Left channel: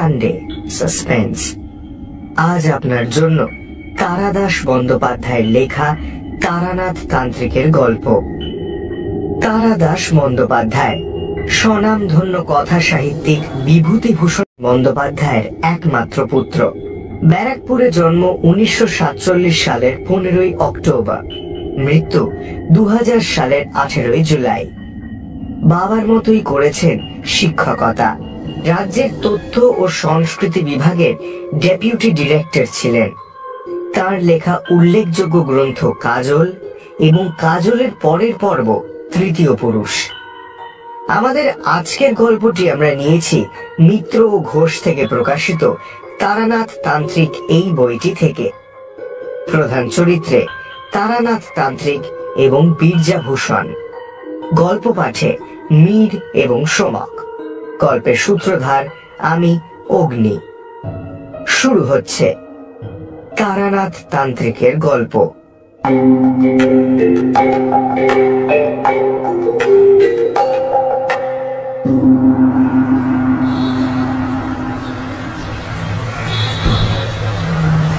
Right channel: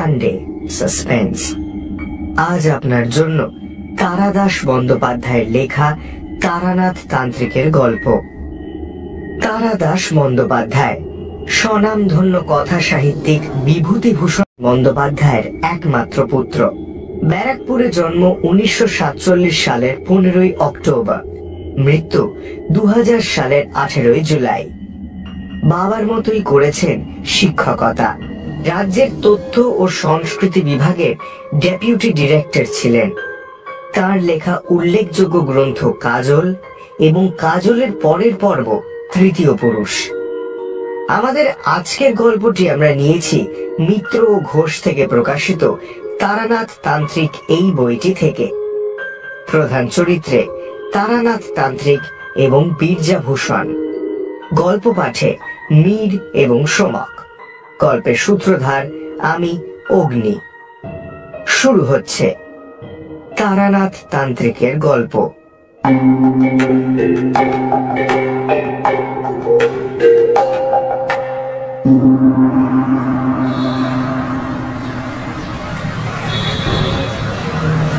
Sunday suspense. আজ আপনার জন্য তারাদাস বন্দ্যোপাধ্যায়ের লেখা তারানাথ তান্ত্রিকের গল্প। তারাদাস বন্দ্যোপাধ্যায় স্বনামধন্য কথা সাহিত্যিক বিভূতিভূষণ বন্দ্যোপাধ্যায়ের একমাত্র পুত্র। ব্যারাকপুরে জন্ম 1947 সালের 15ই অক্টোবর, মৃত্যু 2000 সালের 18ই জুলাই। বাবার মতোই করেছেন শিক্ষকতা। রাজ্যের তথ্য ও সংস্কৃতি বিভাগের ডেপুটি ডিরেক্টর ছিলেন। তার লেখা উল্লেখযোগ্য গ্রন্থ কাজল এবং কাজলের পরের পর্ব তৃতীয় পুরুষ। আমাদের আজকের গল্পটি আমরা নিয়েছি মিত্র ও ঘোষ থেকে প্রকাশিত তারানাথ তান্ত্রিক এই বইটি থেকে। প্রধান চরিত্রে তারানাথ তান্ত্রিক এবং বীরজাভূষণ। গল্প পাঠে মীর এবং সোমক। গল্পের সূত্রধার আমি অগ্নি। শুরু হচ্ছে তারানাথ তান্ত্রিকের গল্প।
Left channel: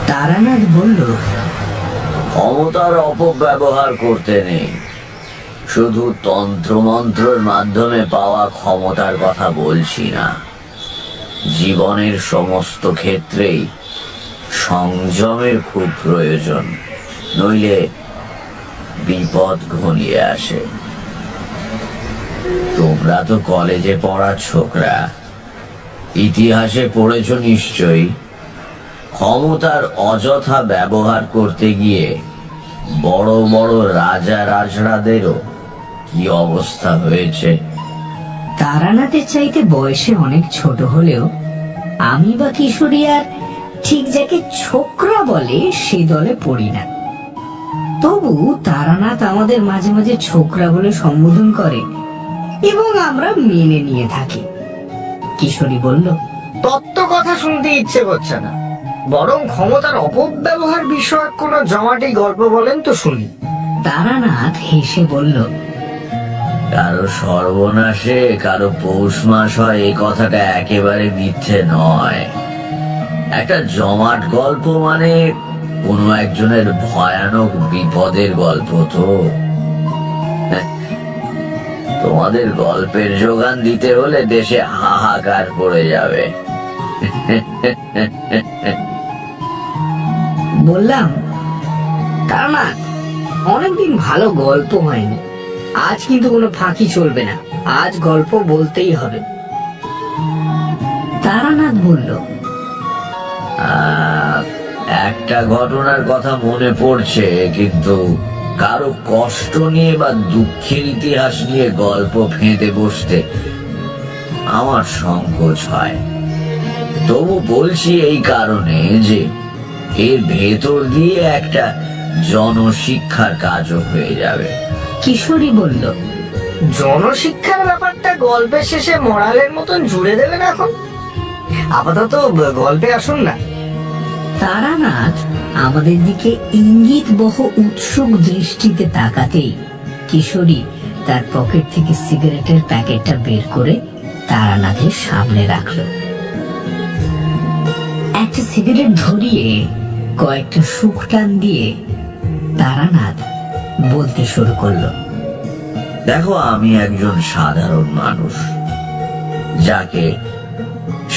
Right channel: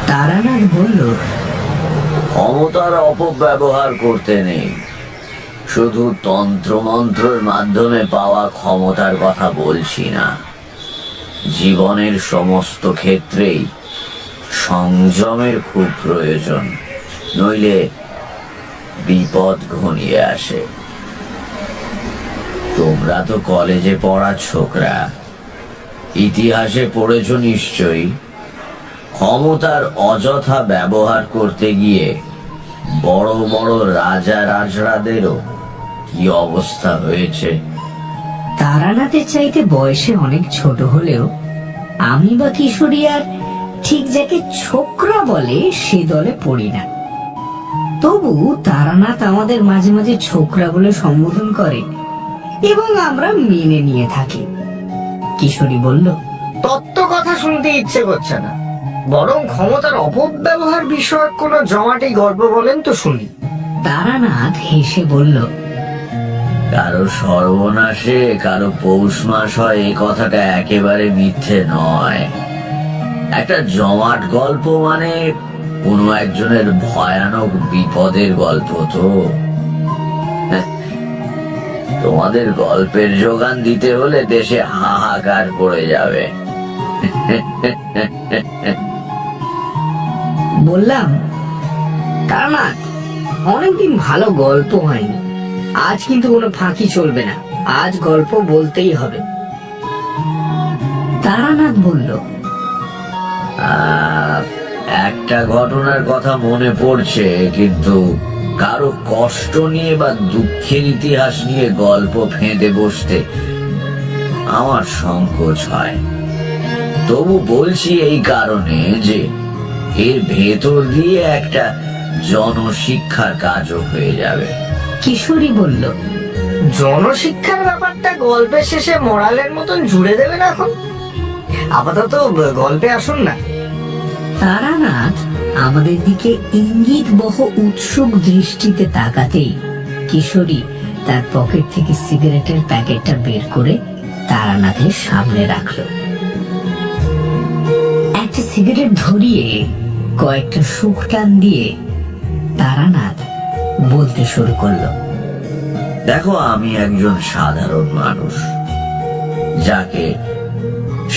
তারানাথ বলল, ক্ষমতার অপব্যবহার করতে নেই। শুধু তন্ত্রমন্ত্রের মাধ্যমে পাওয়া ক্ষমতার কথা বলছি না। জীবনের সমস্ত ক্ষেত্রেই সংযমের খুব প্রয়োজন, নইলে বিপদ ঘনিয়ে আসে। তোমরা তো কলেজে পড়া ছোকরা, ইতিহাসে পড়েছ নিশ্চয়ই। ক্ষমতার অযথা ব্যবহার করতে গিয়ে বড় বড় রাজা রাজড়াদেরও কি অবস্থা হয়েছে। তারানাথের চাইতে বয়সে অনেক ছোট হলেও আমি বা কিশোরী আর ঠিক যাকে ছোকরা বলে সে দলে পড়ি না। তবু তারানাথ আমাদের মাঝে মাঝে ছোকরা বলে সম্বোধন করে এবং আমরা মেনে নিয়ে থাকি। কিশোরী বলল, তত্ত্ব কথা শুনতে ইচ্ছে করছে না, বরং ক্ষমতার অপব্যবহার বিষয়ক কোন জমাটি গল্প বলেন তো শুনি। তারানাথ হেসে বলল, কারো সর্বনাশে কারো পৌষ মাস হয় এই কথাটা একেবারে মিথ্যে নয়। একটা জমাট গল্প মানে কোনো একজনের ভয়ানক বিপদের গল্প। তো তোমাদের গল্পের যোগান দিতে হলে দেশে হাহাকার পড়ে যাবে। বললাম, তারানাথ, অনেকদিন ভালো গল্প হয়নি। আজ কিন্তু কোনো ফাঁকি চলবে না, আজ গল্প বলতেই হবে। তারানাথ বলল, একটা ঘটনার কথা মনে পড়ছে, কিন্তু কারো কষ্ট নিয়ে বা দুঃখের ইতিহাস নিয়ে গল্প ফেঁদে বসতে আমার সংকোচ হয়। তবু বলছি এই কারণে যে এর ভেতর দিয়ে একটা জনশিক্ষার কাজও হয়ে যাবে। কিশোরী বলল, জনশিক্ষার ব্যাপারটা গল্পের শেষে মোরালের মতন জুড়ে দেবে না, এখন আপাতত গল্পে আসুন না। তারানাথ আমাদের দিকে ইঙ্গিত বহ উৎসুক দৃষ্টিতে তাকাতেই কিশোরী তার পকেট থেকে সিগারেটের প্যাকেটটা বের করে তারানাথের সামনে রাখল। একটা সিগারেট ধরিয়ে কয়েকটা সুখ টান দিয়ে তারানাথ বলতে শুরু করলো, দেখো, আমি একজন সাধারণ মানুষ। যাকে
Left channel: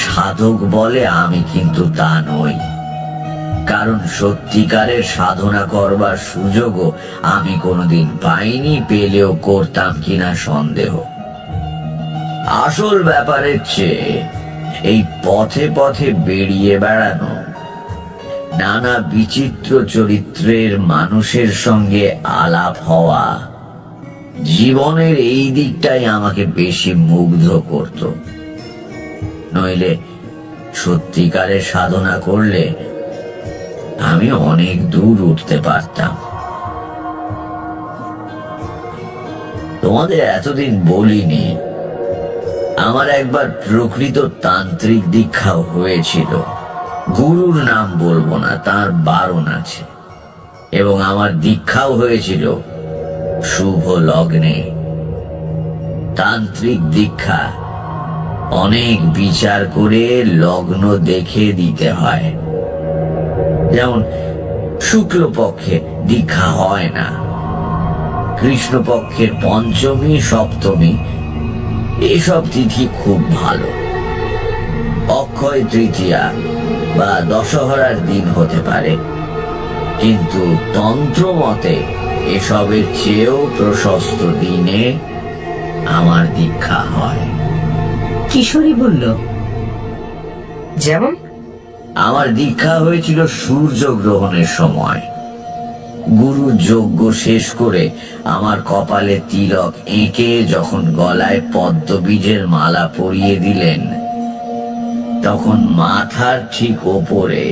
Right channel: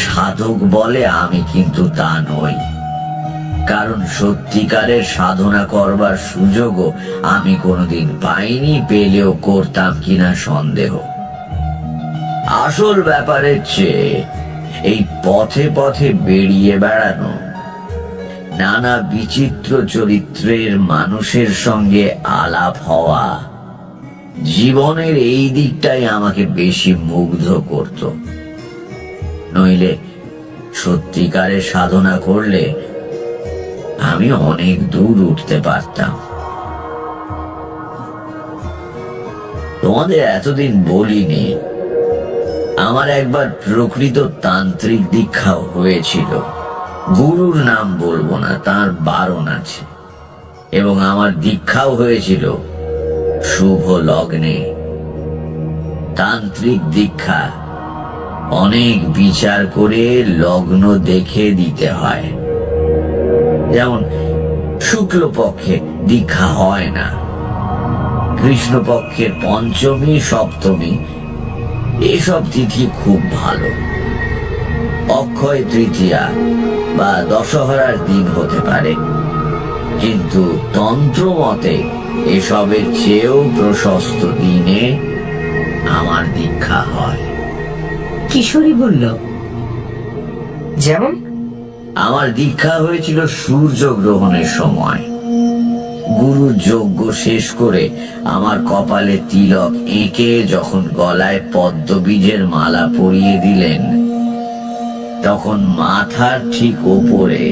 সাধক বলে আমি কিন্তু তা নই, কারণ সত্যিকারের সাধনা করবার সুযোগও আমি কোনোদিন পাইনি, পেলেও করতাম কিনা সন্দেহ। আসল ব্যাপারের চেয়ে এই পথে পথে বেরিয়ে বেড়ানো, নানা বিচিত্র চরিত্রের মানুষের সঙ্গে আলাপ হওয়া, জীবনের এই দিকটাই আমাকে বেশি মুগ্ধ করত। নইলে সত্যিকারের সাধনা করলে আমি অনেক দূর উঠতে পারতাম। তোমাদের এতদিন বলিনি, আমার একবার প্রকৃত তান্ত্রিক দীক্ষাও হয়েছিল। গুরুর নাম বলবো না, তার বারণ আছে। এবং আমার দীক্ষাও হয়েছিল শুভ লগ্নে। তান্ত্রিক দীক্ষা অনেক বিচার করে লগ্ন দেখে দিতে হয়। যেমন শুক্লপক্ষে দীক্ষা হয় না, কৃষ্ণপক্ষের পঞ্চমী সপ্তমী এসব তিথি খুব ভালো, অক্ষয় তৃতীয়া বা দশহরার দিন হতে পারে, কিন্তু তন্ত্র মতে এসবের চেয়েও প্রশস্ত দিনে আমার দীক্ষা হয়। কিশোরী বলল, যেমন? আমার দীক্ষা হয়েছিল সূর্যগ্রহণের সময়। গুরু যজ্ঞ শেষ করে আমার কপালে তিলক এঁকে যখন গলায় পদ্মবীজের মালা পরিয়ে দিলেন, তখন মাথার ঠিক ওপরে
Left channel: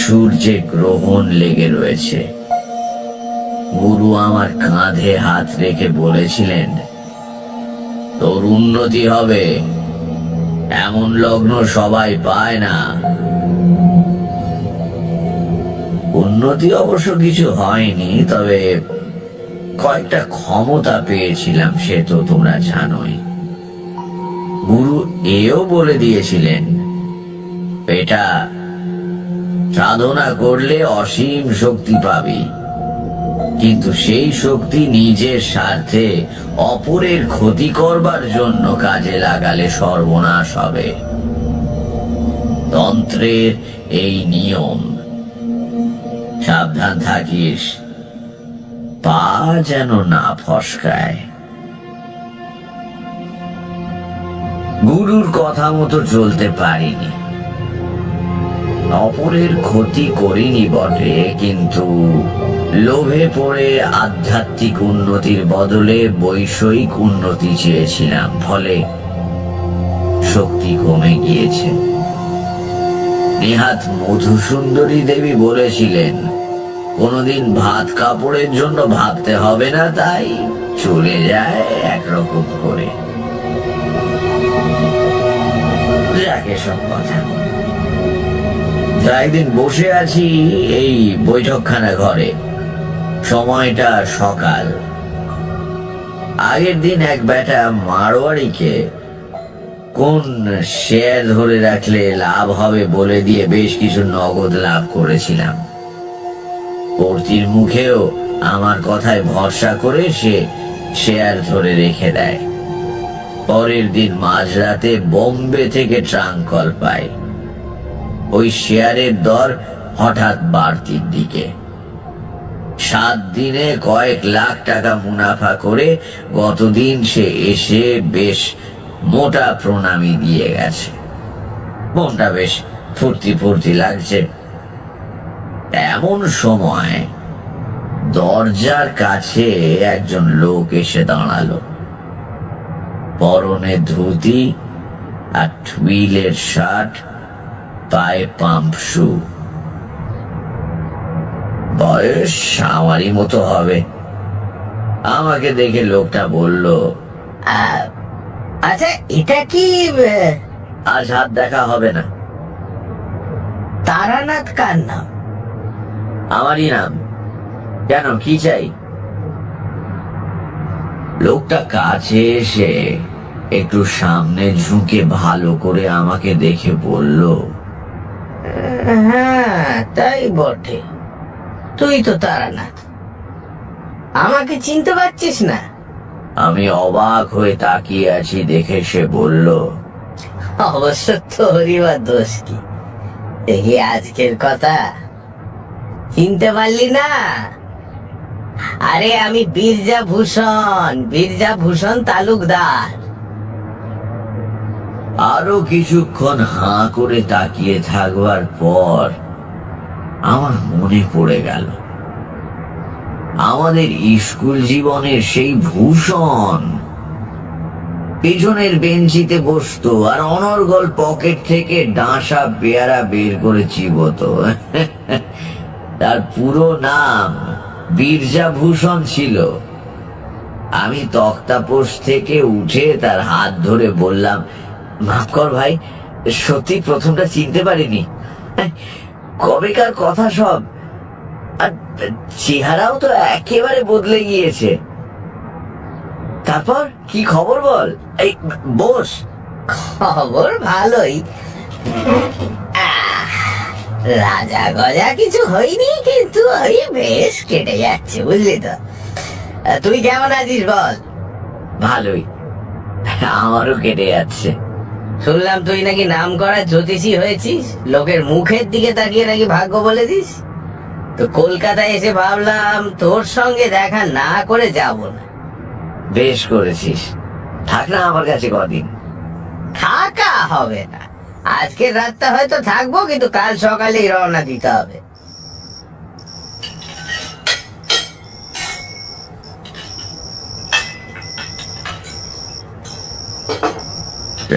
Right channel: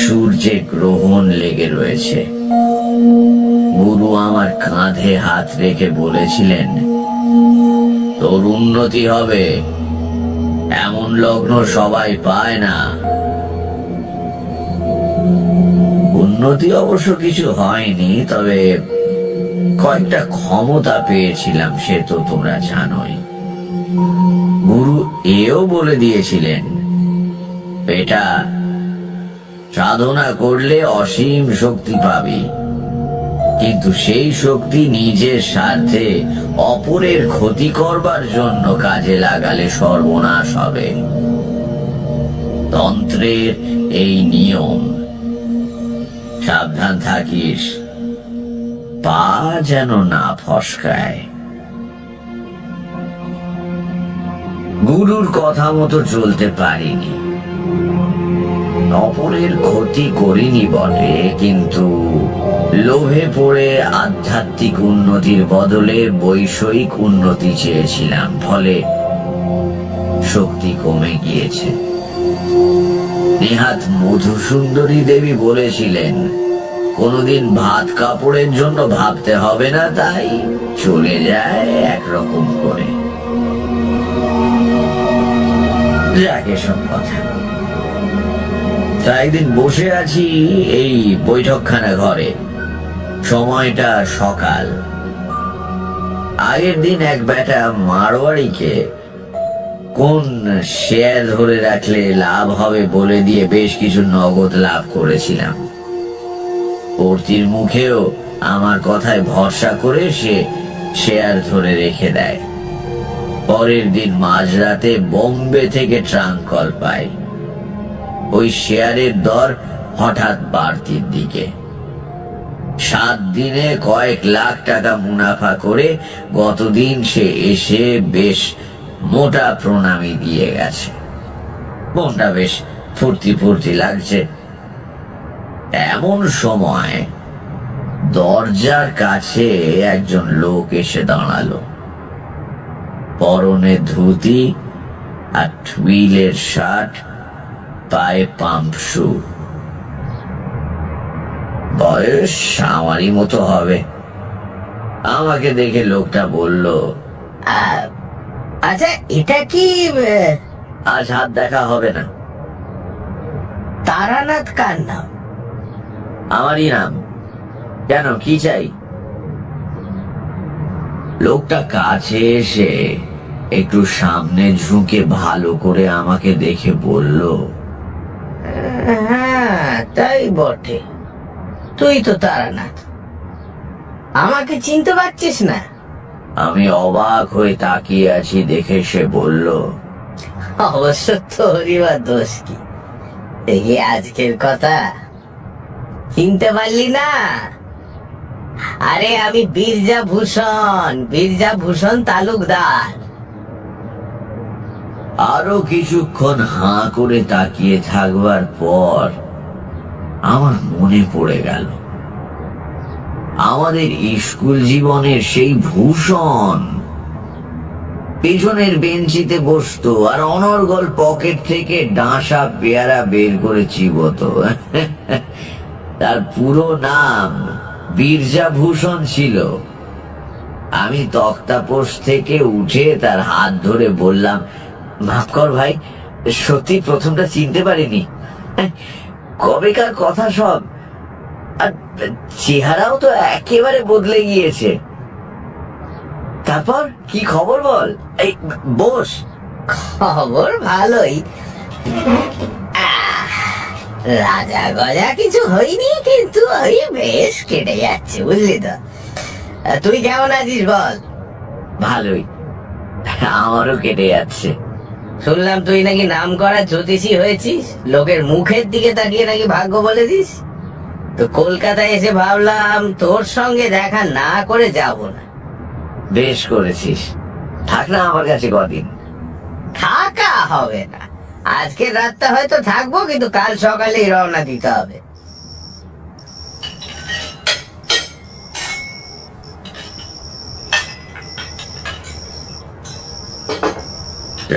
সূর্যের গ্রহণ লেগে রয়েছে। গুরু আমার কাঁধে হাত রেখে বলেছিলেন, তোর উন্নতি হবে, এমন লগ্ন সবাই পায় না। উন্নতি অবশ্য কিছু হয়নি, তবে কয়েকটা ক্ষমতা পেয়েছিলাম, সে তো তোমরা জানোই। গুরু এও বলে দিয়েছিলেন, বেটা, সাধনা করলে অসীম শক্তি পাবি, কিন্তু সেই শক্তি নিজের স্বার্থে অপরের ক্ষতি করবার জন্য কাজে লাগালে সর্বনাশ হবে। তন্ত্রের এই নিয়ম, সাবধান থাকিস, পা যেন না ফসকায়। গুরুর কথা মতো চলতে পারিনি, অপরের ক্ষতি করিনি বটে, কিন্তু লোভে পড়ে আধ্যাত্মিক উন্নতির বদলে বৈষয়িক উন্নতি চেয়েছিলাম, ফলে শক্তি কমে গিয়েছে। নেহাত মধুসুন্দরী দেবী বলেছিলেন, কোনোদিন ভাত কাপড়ের জন্য ভাবতে হবে না, তাই চলে যায় একরকম করে। যাকে সব কথা। তা একদিন বসে আছি এই বৈঠকখানা ঘরে, সময়টা সকাল। আগের দিন এক বেটা মারোয়াড়িকে কোন শেয়ার ধরে রাখলে লাভ হবে বলে দিয়ে বেশ কিছু নগদ লাভ করেছিলাম। পড়তির মুখেও আমার কথায় ভরসা করে সে শেয়ার ধরে রেখে দেয়। পরের দিন মাঝরাতে বোম্বে থেকে ট্রাঙ্ক কল পাই, ওই শেয়ারের দর হঠাৎ বাড়তির দিকে। 7 দিনে কয়েক লাখ টাকা মুনাফা করে গতদিন সে এসে বেশ মোটা প্রণামী দিয়ে গেছে। মনটা বেশ ফুর্তি ফুর্তি লাগছে। এমন সময় দরজার কাছে একজন লোক এসে দাঁড়ালো, পরনে ধুতি আর টুইলের শার্ট, পায়ে পাম্প শু। বয়স আমারই মতো হবে। আমাকে দেখে লোকটা বলল, আচ্ছা, এটা কি আজ হাত দেখা হবে না। তারানাথ কার নাম? আমারই নাম। কেন, কি চাই? লোকটা কাছে এসে একটু সামনে ঝুঁকে ভালো করে আমাকে দেখে বলল, হ্যাঁ, তাই বটে, তুই তো তারানাথ। আমাকে চিনতে পারছিস না? আমি অবাক হয়ে তাকিয়ে আছি দেখে সে বলল, অবশ্য তোরই বা দোষ কি? দেখি আজকের কথা চিনতে পারলি না? আরে আমি বীরজা ভূষণ তালুকদার। আরো কিছুক্ষণ হাঁ করে তাকিয়ে থাকবার পর আমার মনে পড়ে গেল, আমাদের স্কুল জীবনের সেই ভূষণ পেছনের বেঞ্চিতে বসতো আর অনর্গল পকেট থেকে ডাঁশা পেয়ারা বের করে চিবোতো। তার পুরো নাম বীরজাভূষণ ছিল। আমি তক্তাপোষ থেকে উঠে তার হাত ধরে বললাম, মাফ কর ভাই, সত্যি প্রথমটা চিনতে পারিনি। কবেকার কথা সব, আর চেহারাও তো একেবারে বদলে গিয়েছে। তারপর কি খবর বল? এই বস, খবর ভালোই। রাজা গজা কিছু হয়নি, কিন্তু ওই বেশ কেটে যাচ্ছে, বুঝলি তো। তুই কেমন আছিস বল? ভালোই, আমারও কেটে যাচ্ছে। শুনলাম তুই নাকি নাম করা জ্যোতিষী হয়েছিস, লোকের মুখের দিকে তাকিয়ে নাকি ভাগ্য বলে দিস। তো কলকাতায় এসে ভাবলাম তোর সঙ্গে দেখা না করে যাব না। বেশ করেছিস, থাক না আমার কাছে কদিন। থাকা হবে না, আজকের রাতটা হয়তো থাকবো, কিন্তু কাল সকালেই রওনা দিতে হবে।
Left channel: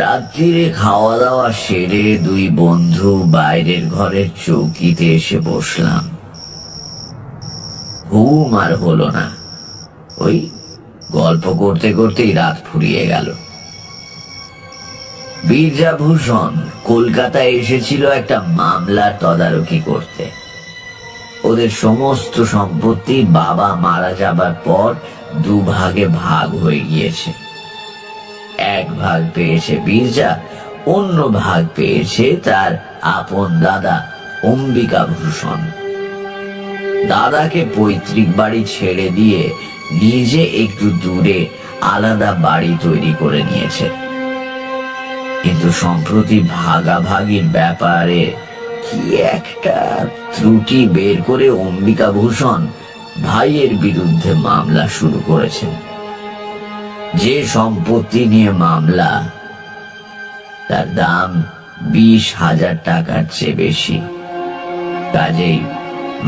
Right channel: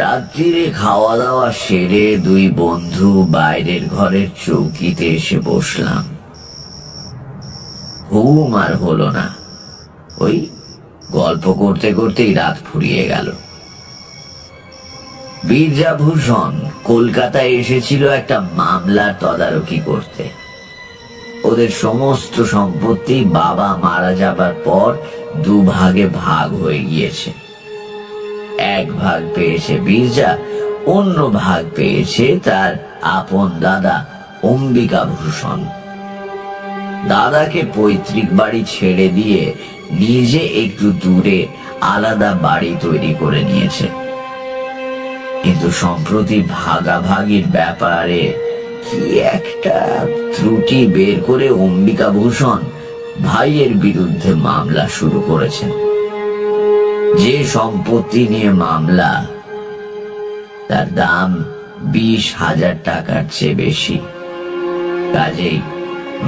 রাত্রিরে খাওয়া দাওয়া সেরে দুই বন্ধু বাইরের ঘরের চৌকিতে এসে বসলাম। ঘুম আর হলো না, ওই গল্প করতে করতেই রাত ফুরিয়ে গেল। বীরজাভূষণ কলকাতায় এসেছিল একটা মামলার তদারকি করতে। ওদের সমস্ত সম্পত্তি বাবা মারা যাবার পর দুভাগে ভাগ হয়ে গিয়েছে। এক ভাগ পেয়েছে বীরজা, অন্য ভাগ পেয়েছে তার আপন দাদা অম্বিকাভূষণ। দাদাকে পৈতৃক বাড়ি ছেড়ে দিয়ে নিজে একটু দূরে আলাদা বাড়ি তৈরি করে নিয়েছে। কিন্তু সম্প্রতি ভাগাভাগির ব্যাপারে কি একটা ত্রুটি বের করে অম্বিকাভূষণ ভাইয়ের বিরুদ্ধে মামলা শুরু করেছেন। যে সম্পত্তি নিয়ে মামলা, তার দাম 20,000 টাকার চেয়ে বেশি। কাজেই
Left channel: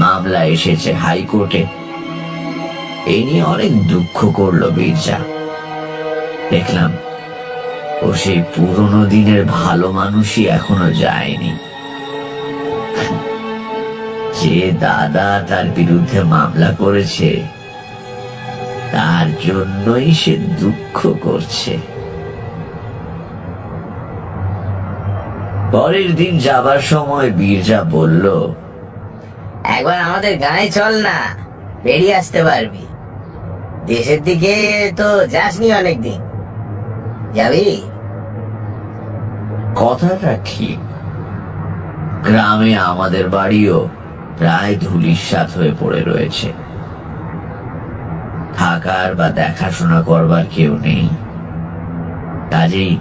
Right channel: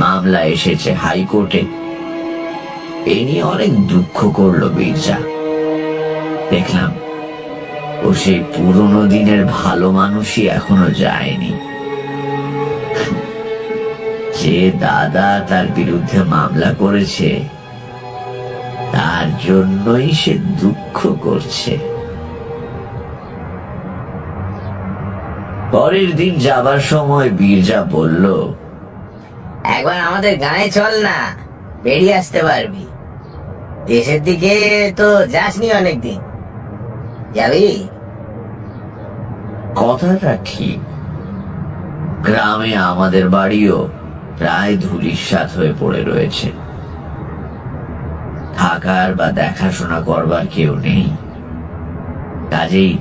মামলা এসেছে হাইকোর্টে। এ নিয়ে অনেক দুঃখ করলো বীরজা। দেখলাম ও সেই পুরনো দিনের ভালো মানুষই এখনো যায়নি। যে দাদা তার বিরুদ্ধে মামলা করেছে, তার জন্যই সে দুঃখ করছে। পরের দিন যাবার সময় বীরজা বলল, একবার আমাদের গায়ে চল না, বেরিয়ে আসতে পারবি। দেশের দিকে তো যাসনি অনেকদিন, যাবি? কথাটা ঠিক। গ্রামে আমাদের বাড়িও প্রায় ধূলিসাৎ হয়ে পড়ে রয়েছে। থাকার বা দেখাশোনা করবার কেউ নেই। কাজেই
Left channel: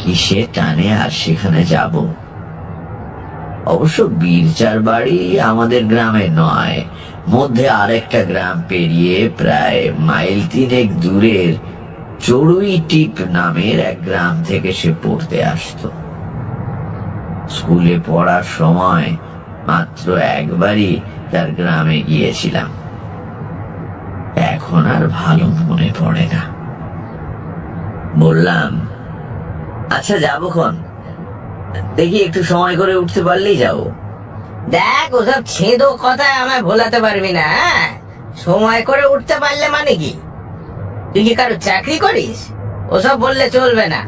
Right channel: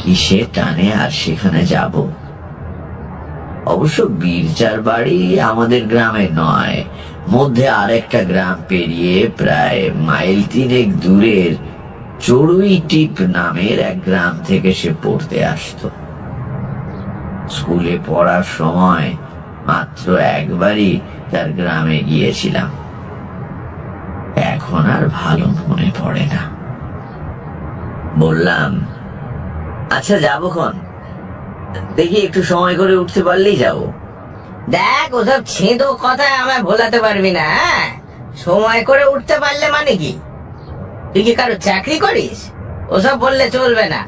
কিসের টানে আর সেখানে যাব। অবশ্য বীরজার বাড়ি আমাদের গ্রামে নয়, মধ্যে আরেকটা গ্রাম পেরিয়ে প্রায় মাইল 3 দূরের চড়ুই টিপ নামের এক গ্রাম থেকে সে পড়তে আসতো। স্কুলে পড়ার সময় মাত্র একবারই তার গ্রামে গিয়েছিলাম। এখন আর ভালো মনে পড়ে না। বললাম, আচ্ছা যাবক্ষণ, দেখি একটু সময় করে উঠতে পারলেই যাব। দেখ, ওসব ছেঁদো কথায় আমায় ভোলাতে পারবি না। সময় করে উঠতে পারলে মানে কি? তুই কি কারো চাকরি করিস? ওসব বললে চলবে না।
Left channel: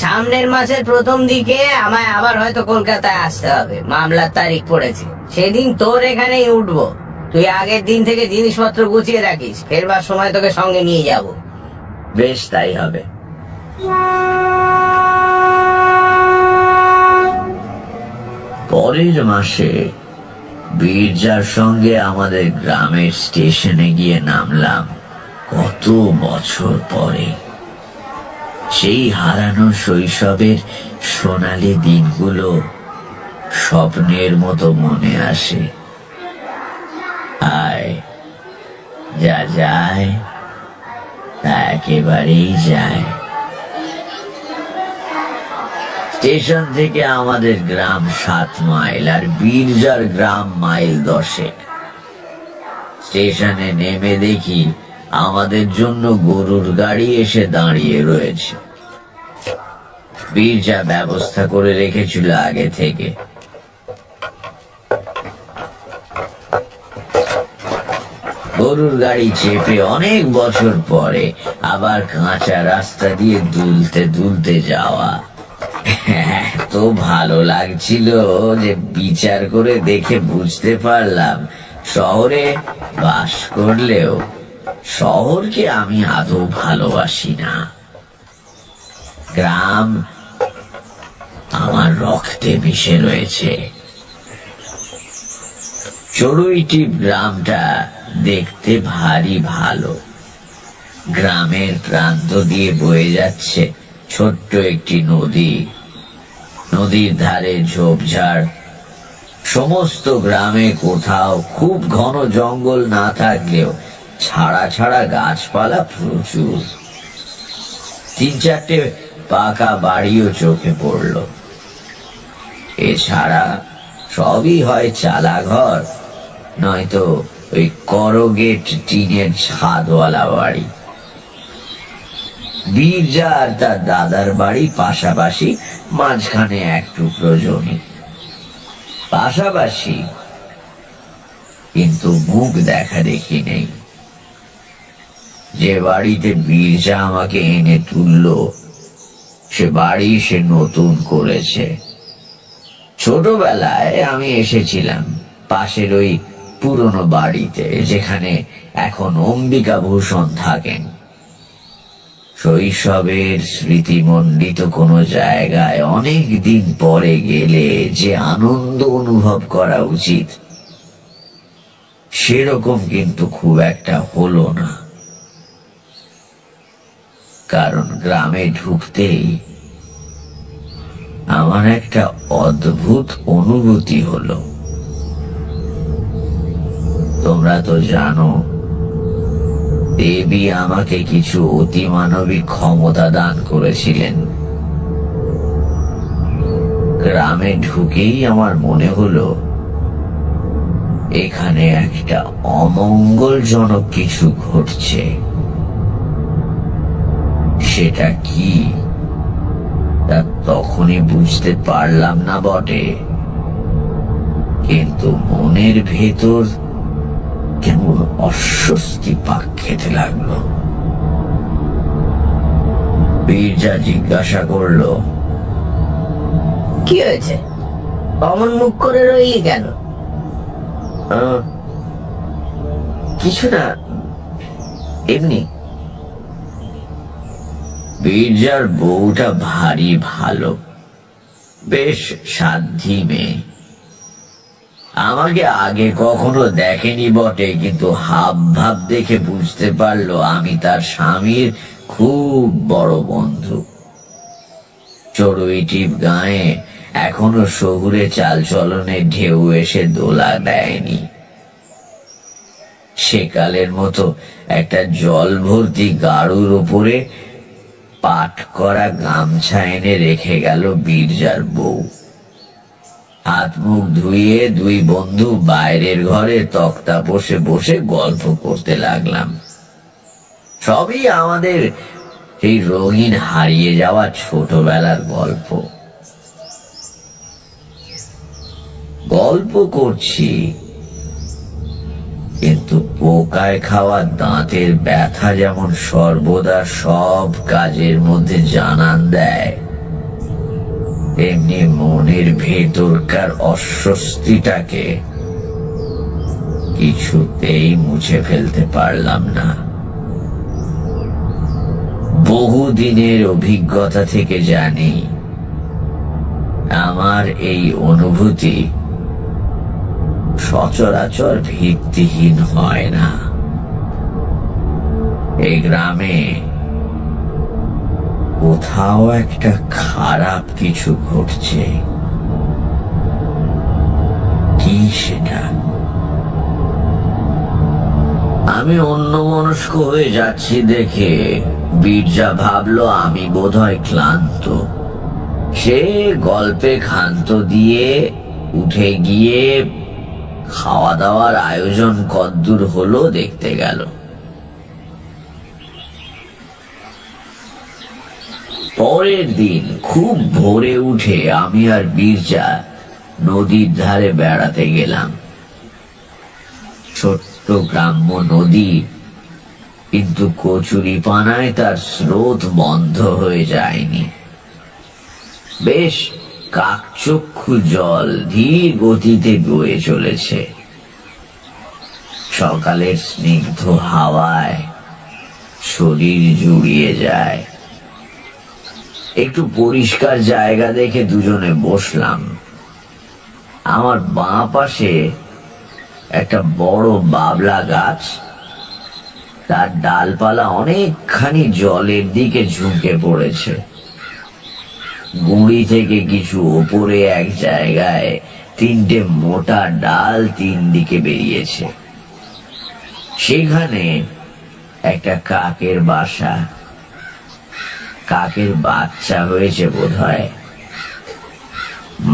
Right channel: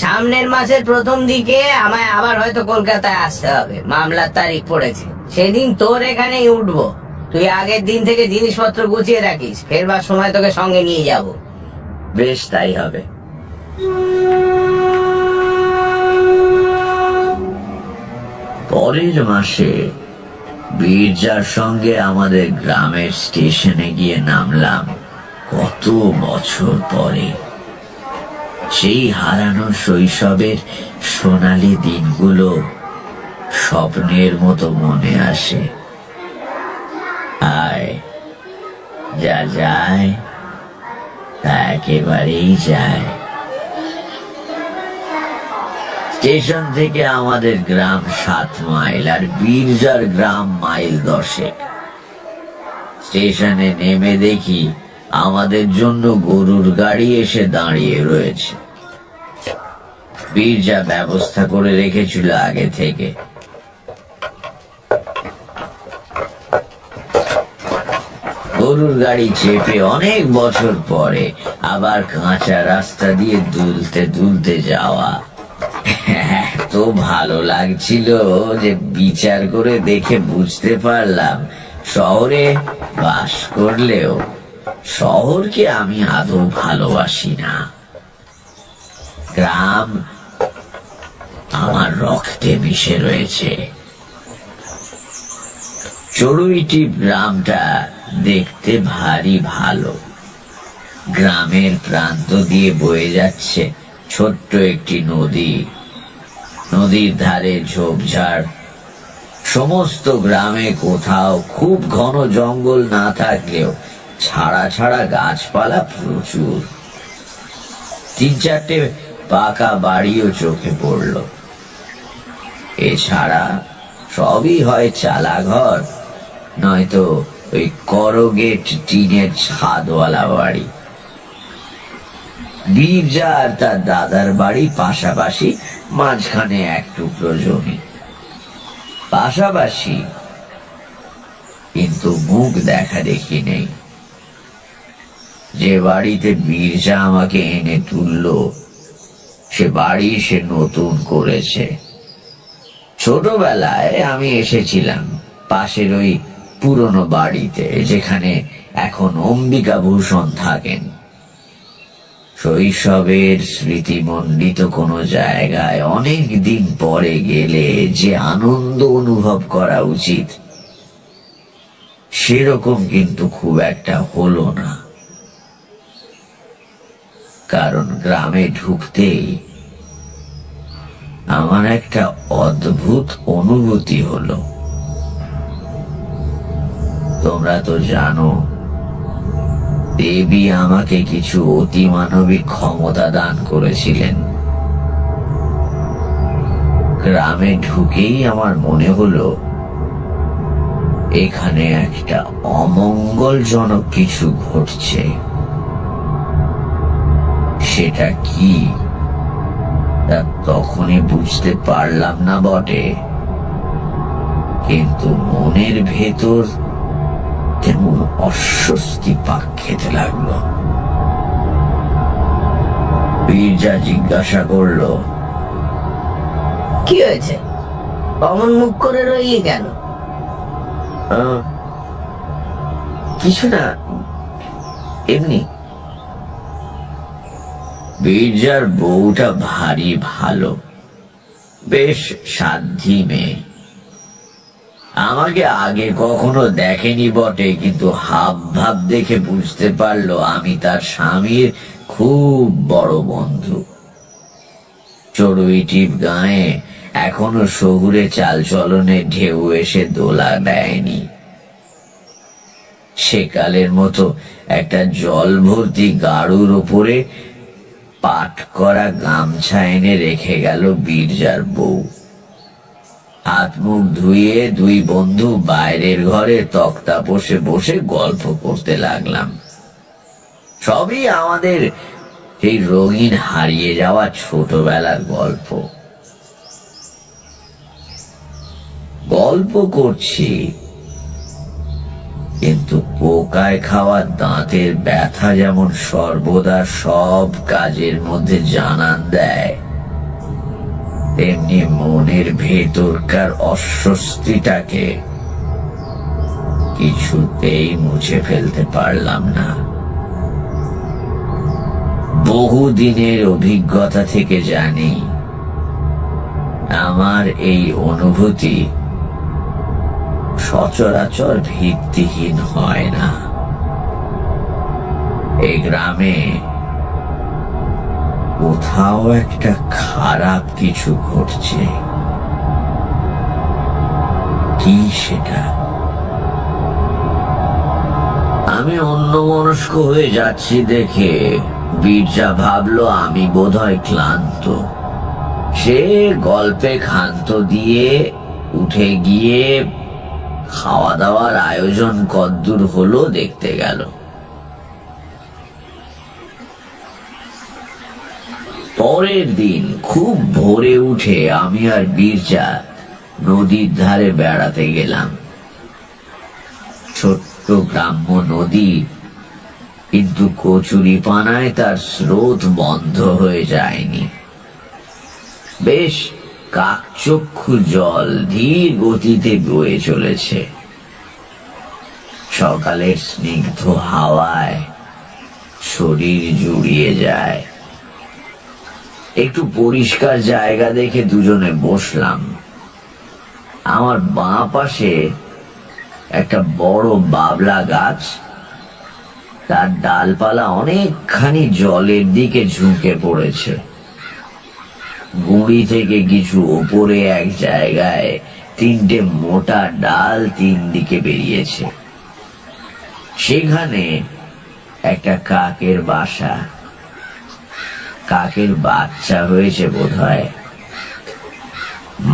সামনের মাসের প্রথম দিকে আমায় আবার হয়তো কলকাতায় আসতে হবে, মামলার তারিখ পড়েছে। সেদিন তোর এখানেই উঠবো। তুই আগের দিন থেকে জিনিসপত্র গুছিয়ে রাখিস, ফেরবার সময় তোকে সঙ্গে নিয়ে যাব। বেশ, তাই হবে। পরের মাসে বীরজার সঙ্গে আমাদের গ্রামের স্টেশনে গিয়ে নামলাম কত বছর পরে। সেই হারানো শৈশবের সোনালী দিনগুলো স্বপ্নের মতো মনে আসে। আয়, যা যায় তা একেবারেই যায়। স্টেশন থেকে আমাদের গ্রাম 7 মাইল আর বীরজার গ্রাম মাইল 10। স্টেশনে নেমে দেখি আমাদের জন্য গরুর গাড়ি এসে দাঁড়িয়ে রয়েছে। বীরজা ব্যবস্থা করে রেখেছিল আগে থেকে। গরুর গাড়ি চেপে অনেক বছর পরে আবার কাঁচা রাস্তা দিয়ে দুলতে দুলতে যাওয়া এত ভালো লাগছিল যে বিচার করে দেখে বুঝতে পারলাম শহরে বাস করলেও শহরকে আমি আদৌ ভালোবাসি না। গ্রাম আমার রক্তে মিশে রয়েছে। চড়ুইটিপ গ্রামটা দেখতে ভারী ভালো। গ্রামের প্রান্ত দিয়ে বয়ে যাচ্ছে ছোট্ট একটি নদী। নদীর ধারে ঝোপঝাড়। সমস্ত গ্রামে কোথাও খুব ঘন জঙ্গল না থাকলেও ছাড়া ছাড়া গাছপালা প্রচুর। 3-4টে পাকা বাড়িও চোখে পড়ল। এছাড়া সবই হয় চালাঘর, নয়তো ওই করগেট টিনের ছাদওয়ালা বাড়ি। বীরজা আর তার দাদার বাড়ি পাশাপাশি, মাঝখানে এক টুকরো জমি। পাশাপাশি, কিন্তু মুখ দেখা দেখি নেই। যে বাড়িতে বীরজা আমাকে এনে তুলল, সে বাড়ি সে নতুন করেছে। ছোটবেলায় আমি এসেছিলাম পাশের ওই পুরনো বাড়িতে, যেখানে এখন অম্বিকা ভূষণ থাকেন। শৈশবের স্মৃতিমণ্ডিত কোনো জায়গায় অনেক দিন পরে গেলে যে আনন্দ অনুভব করা উচিত, সেরকম কিন্তু খুব একটা হলো না। কারণ গ্রামে ঢুকতেই আমার একটা অদ্ভুত অনুভূতি হলো। তোমরা তো জানো, দেবী আমাকে কিছু অতিমানবিক ক্ষমতা দান করেছিলেন। গ্রামে ঢুকেই আমার মনে হলো এখানে একটা অমঙ্গলজনক কিছু ঘটছে। সেটা কি তা তখনই বুঝতে পারলাম না বটে, কিন্তু মনের ভেতর কেমন অস্বস্তি পাক খেতে লাগলো। বীরজা জিজ্ঞাসা করল, কি হয়েছে? অমন মুখ করে রইলি কেন? কিছু না, এমনি। বীরজার বউটা ভারী ভালো, বেশ সাধ্যি মেয়ে। আমাকে আগে কখনো দেখেনি বটে, কিন্তু হাব ভাব দেখে বুঝতে পারলো আমি তার স্বামীর খুব বড় বন্ধু। চড়ুইটিপ গায়ে এখনো শহুরে চালচলনে ঢেউ এসে দোলা দেয়নি। সেকালের মতো একটা জল ভর্তি গাড়ুর ওপরে পাট করা গামছা এনে রেখে গেল বীরজার বউ। হাত মুখ ধুয়ে দুই বন্ধু বাইরের ঘরে তক্তা বসে বসে গল্প করতে লাগলাম। সবই আমাদের সেই রঙিন হারিয়ে যাওয়া ছোটবেলার গল্প। গল্প করছি, কিন্তু পোকায় খাওয়া দাঁতের ব্যথা যেমন সর্বদা সব কাজের মধ্যে জানান দেয়, তেমনি মনের ভেতরকার অস্বস্তিটাকে কিছুতেই মুছে ফেলতে পারলাম না। বহুদিনের অভিজ্ঞতা থেকে জানি, আমার এই অনুভূতি সচরাচর ভিত্তিহীন হয় না। এই গ্রামে কোথাও একটা খারাপ কিছু ঘটছে। কি সেটা? আমি অন্যমনস্ক হয়ে যাচ্ছি দেখে বীরজা ভাবলো আমি বোধহয় ক্লান্ত। সে গল্পে ক্ষান্ত দিয়ে উঠে গিয়ে খাওয়া দাওয়ার আয়োজন কদ্দূর হলো দেখতে গেল। পরের দিন খুব ভোরে উঠে আমি আর বীরজা নদীর ধারে বেড়াতে গেলাম। ছোট্ট গ্রাম্য নদী, কিন্তু কচুরিপানায় তার স্রোত বন্ধ হয়ে যায়নি। বেশ কাকচক্ষু জল ধীর গতিতে বয়ে চলেছে। সকালের স্নিগ্ধ হাওয়ায় শরীর জুড়িয়ে যায়। একটু পরিষ্কার জায়গা দেখে দুজনে বসলাম। আমার বাঁ পাশে একটা বড় বাবলা গাছ, তার ডালপালা অনেকখানি জলের দিকে ঝুঁকে পড়েছে। গুঁড়ি থেকে কিছু ওপরে এক জায়গায় 3টে মোটা ডাল 3 দিকে বেরিয়েছে। সেখানে একটা কাকের বাসা। কাকের বাচ্চা হয়েছে বোধহয়।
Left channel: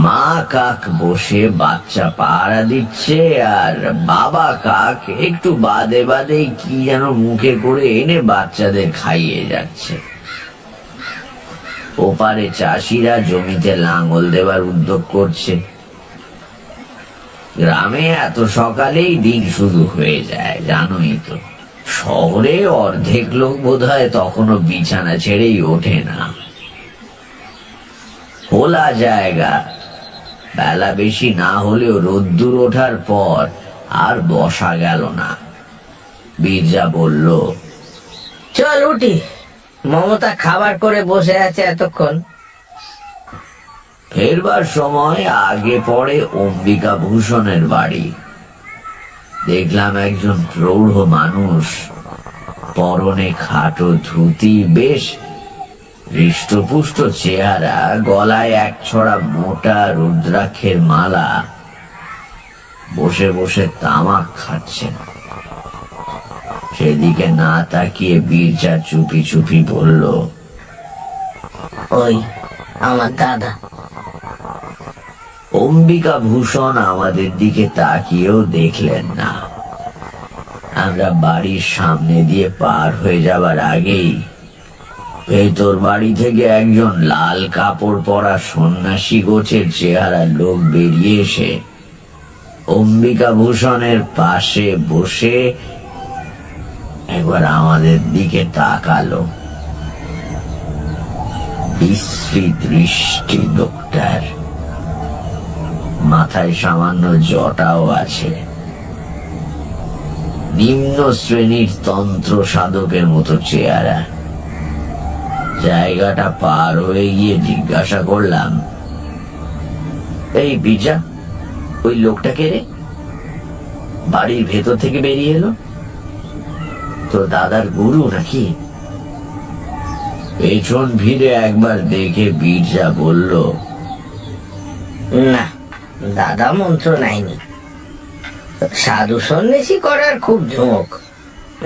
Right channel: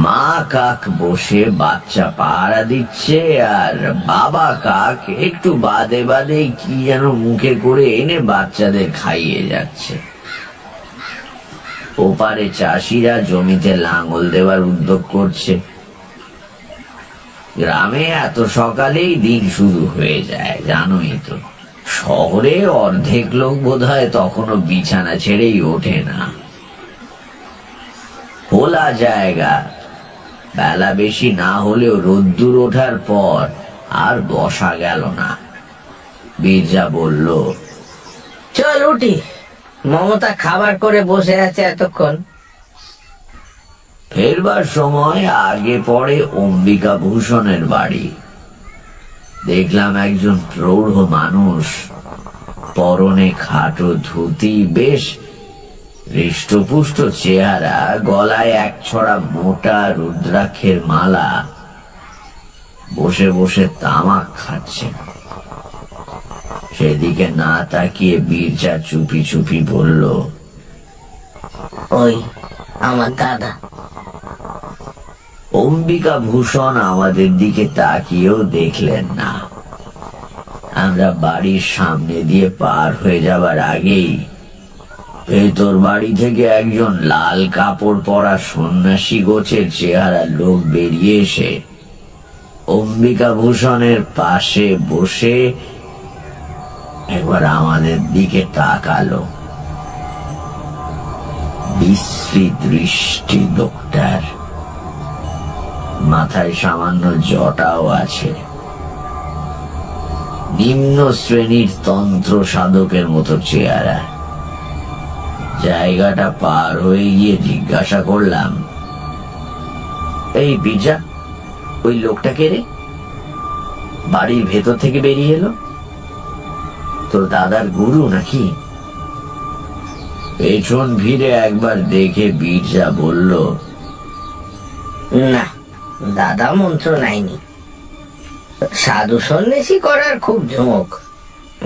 মা কাক বসে বাচ্চা পাহারা দিচ্ছে, আর বাবা কাক একটু বাদে বাদে কি যেন মুখে করে এনে বাচ্চাদের খাইয়ে যাচ্ছে। ওপারে চাষিরা জমিতে লাঙল দেওয়ার উদ্যোগ করছে। গ্রামে এত সকালেই দিন শুরু হয়ে যায়, জানোই তো। শহরে অর্ধেক লোক বোধহয় তখনও বিছানা ছেড়েই ওঠে না। খোলা জায়গা, বেলা বেশি না হলেও রোদ্দুর ওঠার পর আর বসা গেল না। বীরজা বলল, চল উঠি, মমতা খাবার করে বসে আছে এতক্ষণ। ফেরবার সময় আগে পড়ে অম্বিকা ভূষণের বাড়ি। দেখলাম একজন প্রৌঢ় মানুষ, পরনে খাটো ধুতি, বেশ হৃষ্টপুষ্ট চেহারা, গলায় এক ছড়া মোটা রুদ্রাক্ষের মালা, বসে বসে তামাক খাচ্ছেন। সেদিকে না তাকিয়ে বীরজা চুপি চুপি বলল, ওই আমার দাদা। অম্বিকা ভূষণ আমাদের দিকে তাকিয়েও দেখলেন না। আমরা বাড়ির সামনে দিয়ে পার হয়ে যাবার আগেই ভেতর বাড়ি থেকে একজন লাল কাপড় পরা সন্ন্যাসী গোছের চেহারার লোক বেরিয়ে এসে অম্বিকা ভূষণের পাশে বসে একবার আমাদের দিকে তাকালো। বিশ্রী দৃষ্টি লোকটার, মাথায় সামান্য জটাও আছে। নিম্ন শ্রেণীর তন্ত্র সাধকের মতো চেহারা। জায়গাটা পার হয়ে গিয়ে জিজ্ঞাসা করলাম, এই বীরজা, ওই লোকটাকে রে, বাড়ির ভেতর থেকে বেরিয়ে এলো? তোর দাদার গুরু নাকি? পেছন ফিরে একবার দেখে বীরজা বলল, না, দাদা মন্ত্র নাইনি। সাধু সন্ন্যাসী করার খুব ঝোঁক,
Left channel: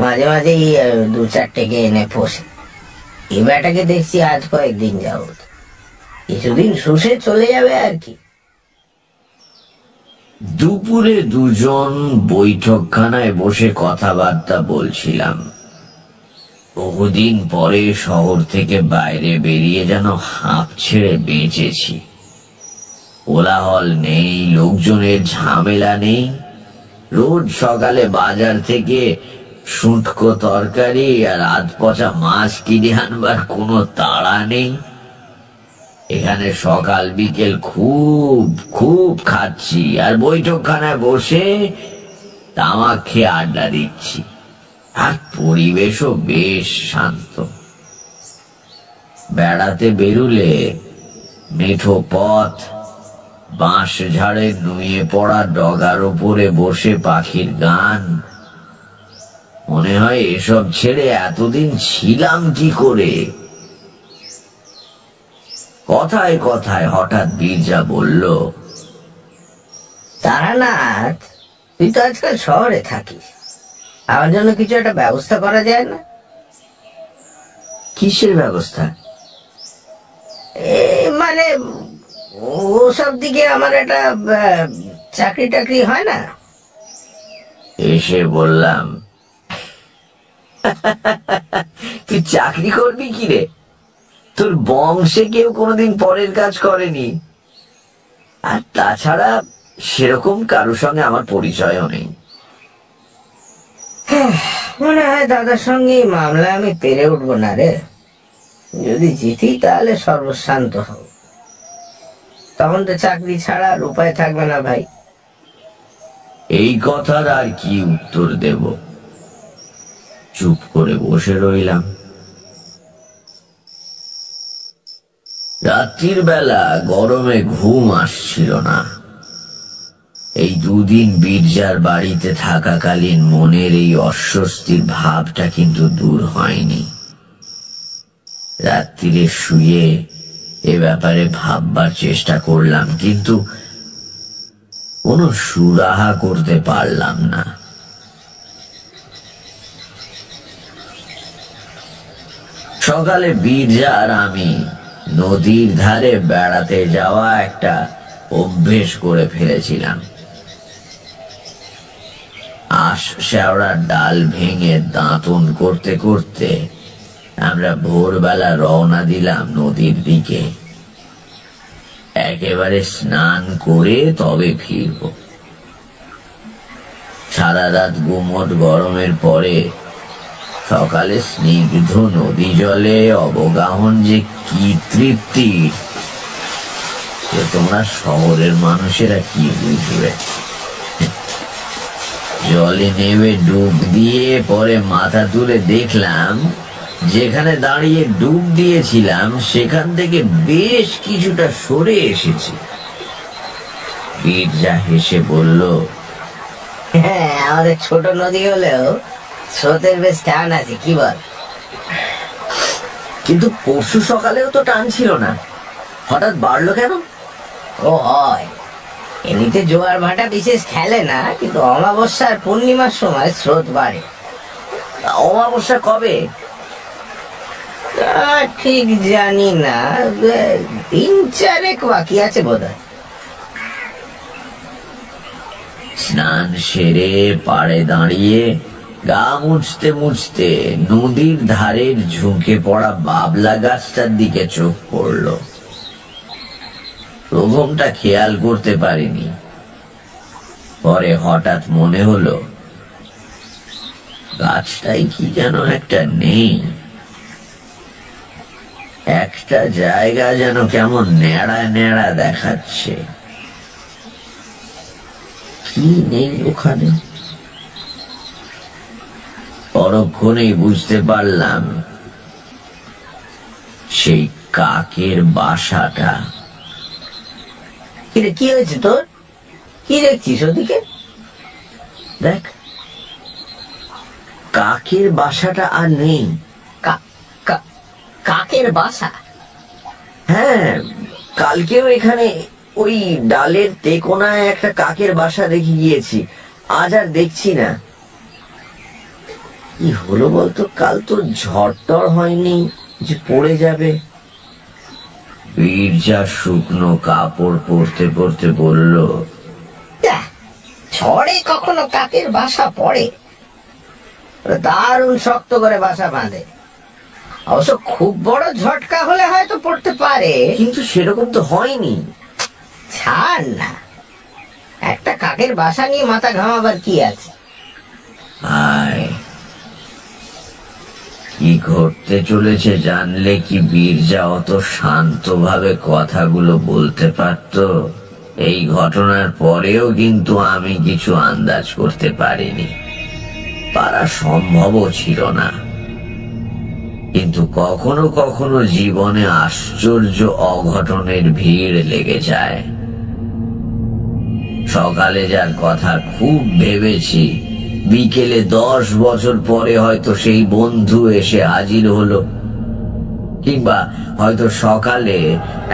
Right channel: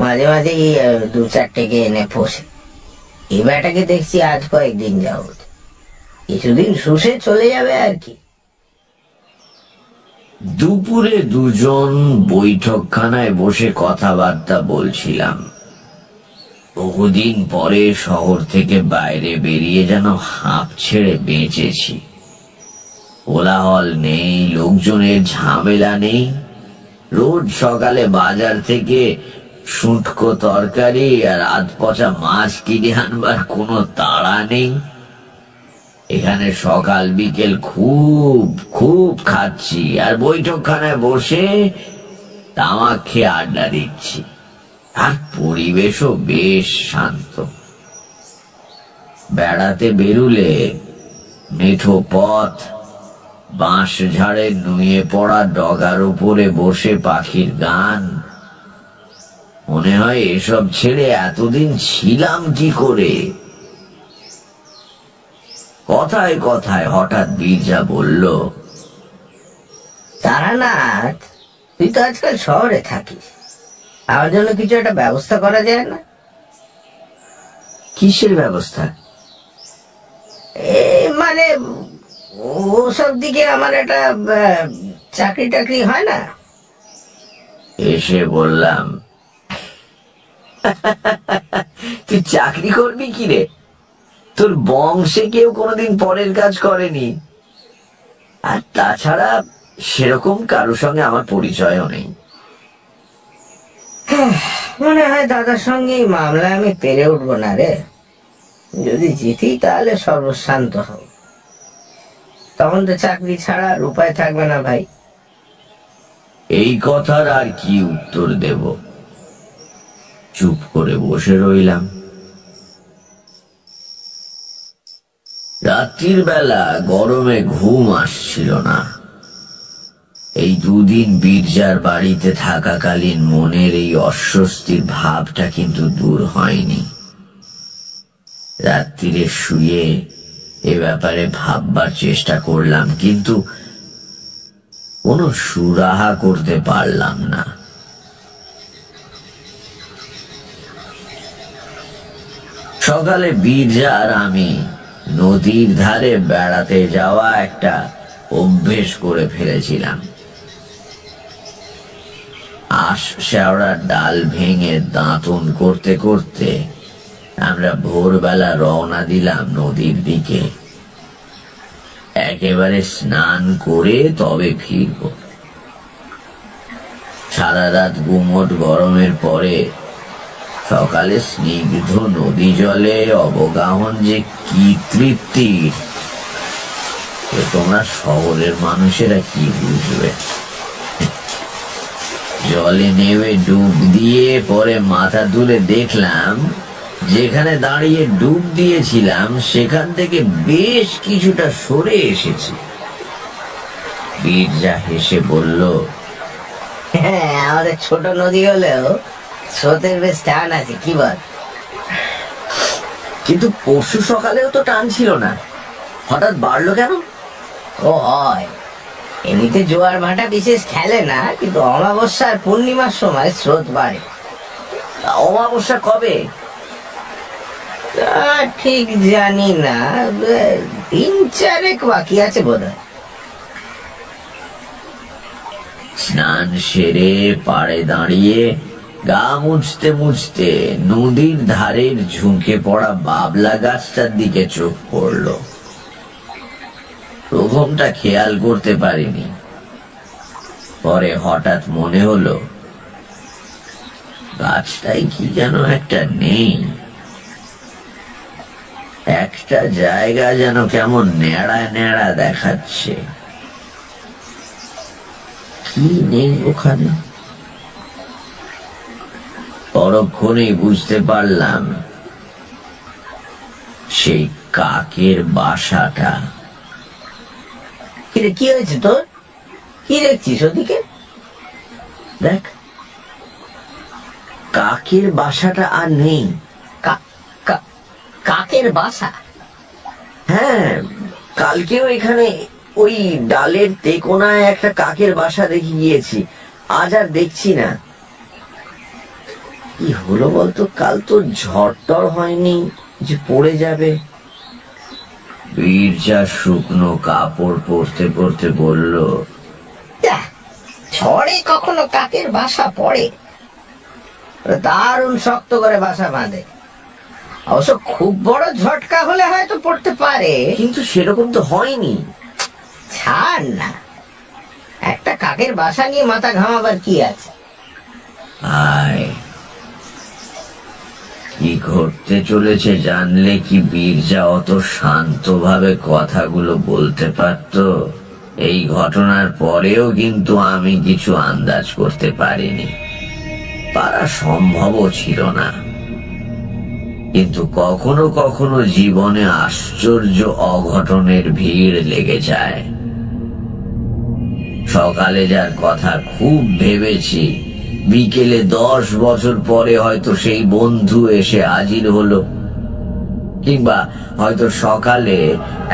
মাঝে মাঝে 2-4টেকে এনে পোষে। এই বেটাকে দেখছি আজ কয়েকদিন যাবত, কিছুদিন শুষে চলে যাবে আর কি। দুপুরে দুজন বৈঠকখানায় বসে কথাবার্তা বলছিলাম। বহুদিন পরে শহর থেকে বাইরে বেরিয়ে যেন হাঁপ ছেড়ে বেঁচেছি। কোলাহল নেই, লোকজনের ঝামেলা নেই। রোজ সকালে বাজার থেকে শুটকো তরকারি আর আধ পচা মাছ কিনে আনবার কোনো তাড়া নেই। এখানে সকাল বিকেল খুব খুব খাচ্ছি, আর বৈঠকখানায় বসে তামাক খেয়ে আড্ডা দিচ্ছি। আর পরিবেশও বেশ শান্ত। বেড়াতে বেরুলে মেঠো পথ, বাঁশ ঝাড়ের নুয়ে পড়া ডগার উপরে বসে পাখির গান, মনে হয় এসব ছেড়ে এতদিন ছিলাম কি করে। কথায় কথায় হঠাৎ বীরজা বলল, তারানাথ, তুই তো আজকাল শহরে থাকিস, আমার জন্য কিছু একটা ব্যবস্থা করা যায় না? কিসের ব্যবস্থা? মানে ওসব দিকে আমার একটা চাকরি টাকরি হয় না? এসে বললাম, তুই চাকরি করবি কি রে? তোর বংশে কেউ কোনোদিন পরের কাজ করেনি, আর তাছাড়া সেরকম কারোর সঙ্গে আমার পরিচয়ও নেই। মনে হয় দাদার সঙ্গে এই মামলা আমি পেরে উঠবো না রে। যদি জিতি তাহলে সর্বশান্ত হব, তখন তো চাকরি ছাড়া আর উপায় থাকবে না ভাই। এই কথার আর কি উত্তর দেব? চুপ করে বসে রইলাম। রাত্রির বেলা গরমে ঘুম আসছিল না। এই দুদিন বীরজার বাড়িতে থাকাকালীন মনের এই অস্বস্তির ভাবটা কিন্তু দূর হয়নি। রাত্রিরে শুয়ে এ ব্যাপারে ভাববার চেষ্টা করলাম, কিন্তু কোনো সুরাহা করতে পারলাম না। সকালে বীরজা আর আমি নদীর ধারে বেড়াতে যাওয়া একটা অভ্যেস করে ফেলেছিলাম। আশ শেওড়ার ডাল ভেঙে দাঁতন করতে করতে আমরা ভোরবেলা রওনা দিলাম নদীর দিকে। একেবারে স্নান করে তবে ফিরব। সারা রাত গুমোট গরমের পরে সকালে স্নিগ্ধ নদী জলে অবগাহন যে কি তৃপ্তির, তোমরা শহরের মানুষেরা কি বুঝবে। জলে নেমে ডুব দিয়ে পরে মাথা তুলে দেখলাম যেখানে দাঁড়িয়ে ডুব দিয়েছিলাম সেখান থেকে বেশ কিছুটা সরে এসেছি। বীরজা হেসে বলল, হ্যাঁ, আমাদের ছোট নদী হলেও স্রোতের বেশ টান আছে, কি বল? কিন্তু পরশু সকালেও তো টান ছিল না, হঠাৎ বাড়লো কেন? ও হয়, এমনিতে জোয়ার ভাটা বিশেষ খেলে না, কিন্তু অমাবস্যার পূর্ণিমার সময় স্রোত বাড়ে। অমাবস্যা কবে? তা ঠিক জানি না, 3-4 বাকি আছে বোধহয়। স্নান সেরে পাড়ে দাঁড়িয়ে গা মুছতে মুছতে নদীর ধারের ঝুঁকে পড়া বাবলা গাছটার দিকে চোখ পড়ল। প্রথমটা খেয়াল করতে পারিনি, পরে হঠাৎ মনে হলো গাছটাই কি যেন একটা নেই। একটা জায়গা যেন কেমন নেড়া নেড়া দেখাচ্ছে। কি নেই ওখানে? পরক্ষণেই বুঝতে পারলাম সেই কাকের বাসাটা। কিরে, কি হয়েছে তোর? কি দেখছিস ওদিকে? দেখ, কাকের বাসাটা আর নেই। কাকের বাসা? হ্যাঁ, কালকেও এখানে ওই ডালের তেকোনায় একটা কাকের বাসা দেখে গিয়েছি, আজ আর দেখছি না। কি হলো বলতো? কাল তো ঝড় হয়নি যে পড়ে যাবে? বীরজা শুকনো কাপড় পরতে পরতে বলল, ঝড়ে কখনো কাকের বাসা পড়ে? দারুণ শক্ত করে বাসা বাঁধে। অবশ্য খুব বড় ঝটকা হলে হয়তো পড়তে পারে, কিন্তু সেরকম তো হয়নি। ছাড় না, একটা কাকের বাসা নিয়ে মাথা ঘামাবার কি আছে? আয়, কি ঘটতে চলেছে জানলে কি বীরজা অত শান্তভাবে কথাগুলো বলতে পারত? এই ঘটনার পরেও কিন্তু আমি কিছু আন্দাজ করতে পারিনি, পারা সম্ভবও ছিল না। কিন্তু কখনো কখনো জীবনে আশ্চর্য অঘটনের ভিড় লেগে যায়। সকালে যার কথা খুব ভেবেছি, বিকেলে 10 বছর পরে হয়তো সেই বন্ধু এসে হাজির হলো, কিংবা হয়তো সকালে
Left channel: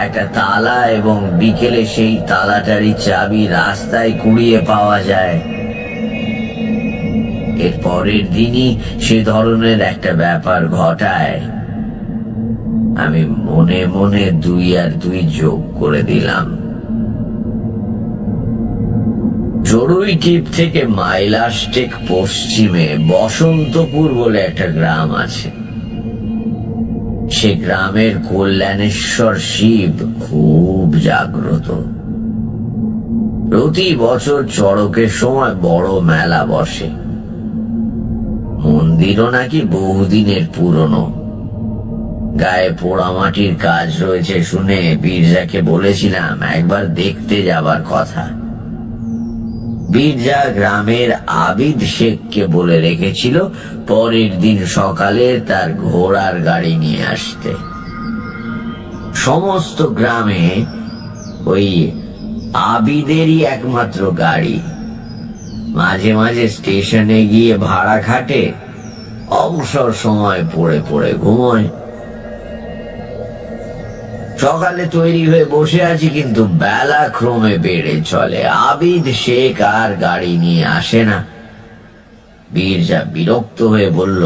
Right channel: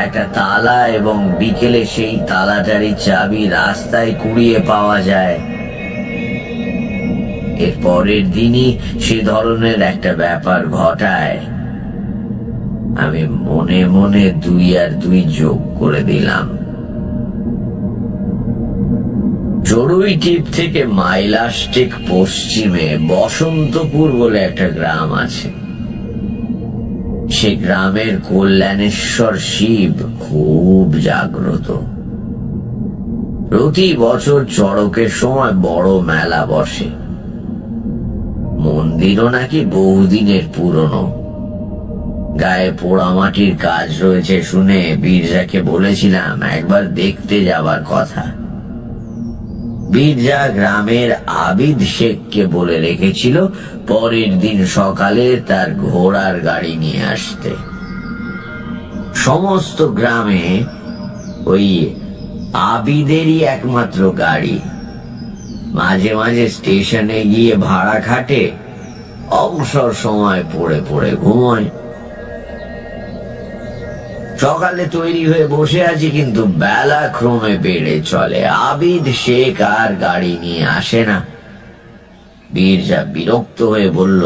একটা তালা এবং বিকেলে সেই তালাটারই চাবি রাস্তায় কুড়িয়ে পাওয়া যায়। এর পরের দিনই সে ধরনের একটা ব্যাপার ঘটায়। আমি মনে মনে 2 আর 2 যোগ করে দিলাম। চড়ুইটিপ থেকে মাইলাস্টেক পশ্চিমে বসন্তপুর বলে একটা গ্রাম আছে। সে গ্রামের কল্যাণেশ্বর শিব খুব জাগ্রত। প্রতি বছর চড়কের সময় বড় মেলা বসে। মন্দিরও নাকি বহুদিনের পুরনো। গায়ে পোড়ামাটির কাজ রয়েছে শুনে বীরজাকে বলেছিলাম একবার দেখতে যাবার কথা। বীরজা গ্রামের আবিদ শেখকে বলে রেখেছিল পরের দিন সকালে তার ঘোড়ার গাড়ি নিয়ে আসতে। সমস্ত গ্রামে ওই আবিদেরই একমাত্র গাড়ি। মাঝে মাঝে স্টেশনে গিয়ে ভাড়া খাটে, অবসর সময় পড়ে পড়ে ঘুমোয়। সকালে তৈরি হয়ে বসে আছি, কিন্তু বেলা ক্রমে বেড়ে চলে। আবিদ শেখ আর গাড়ি নিয়ে আসে না। বীরজা বিরক্ত হয়ে বলল,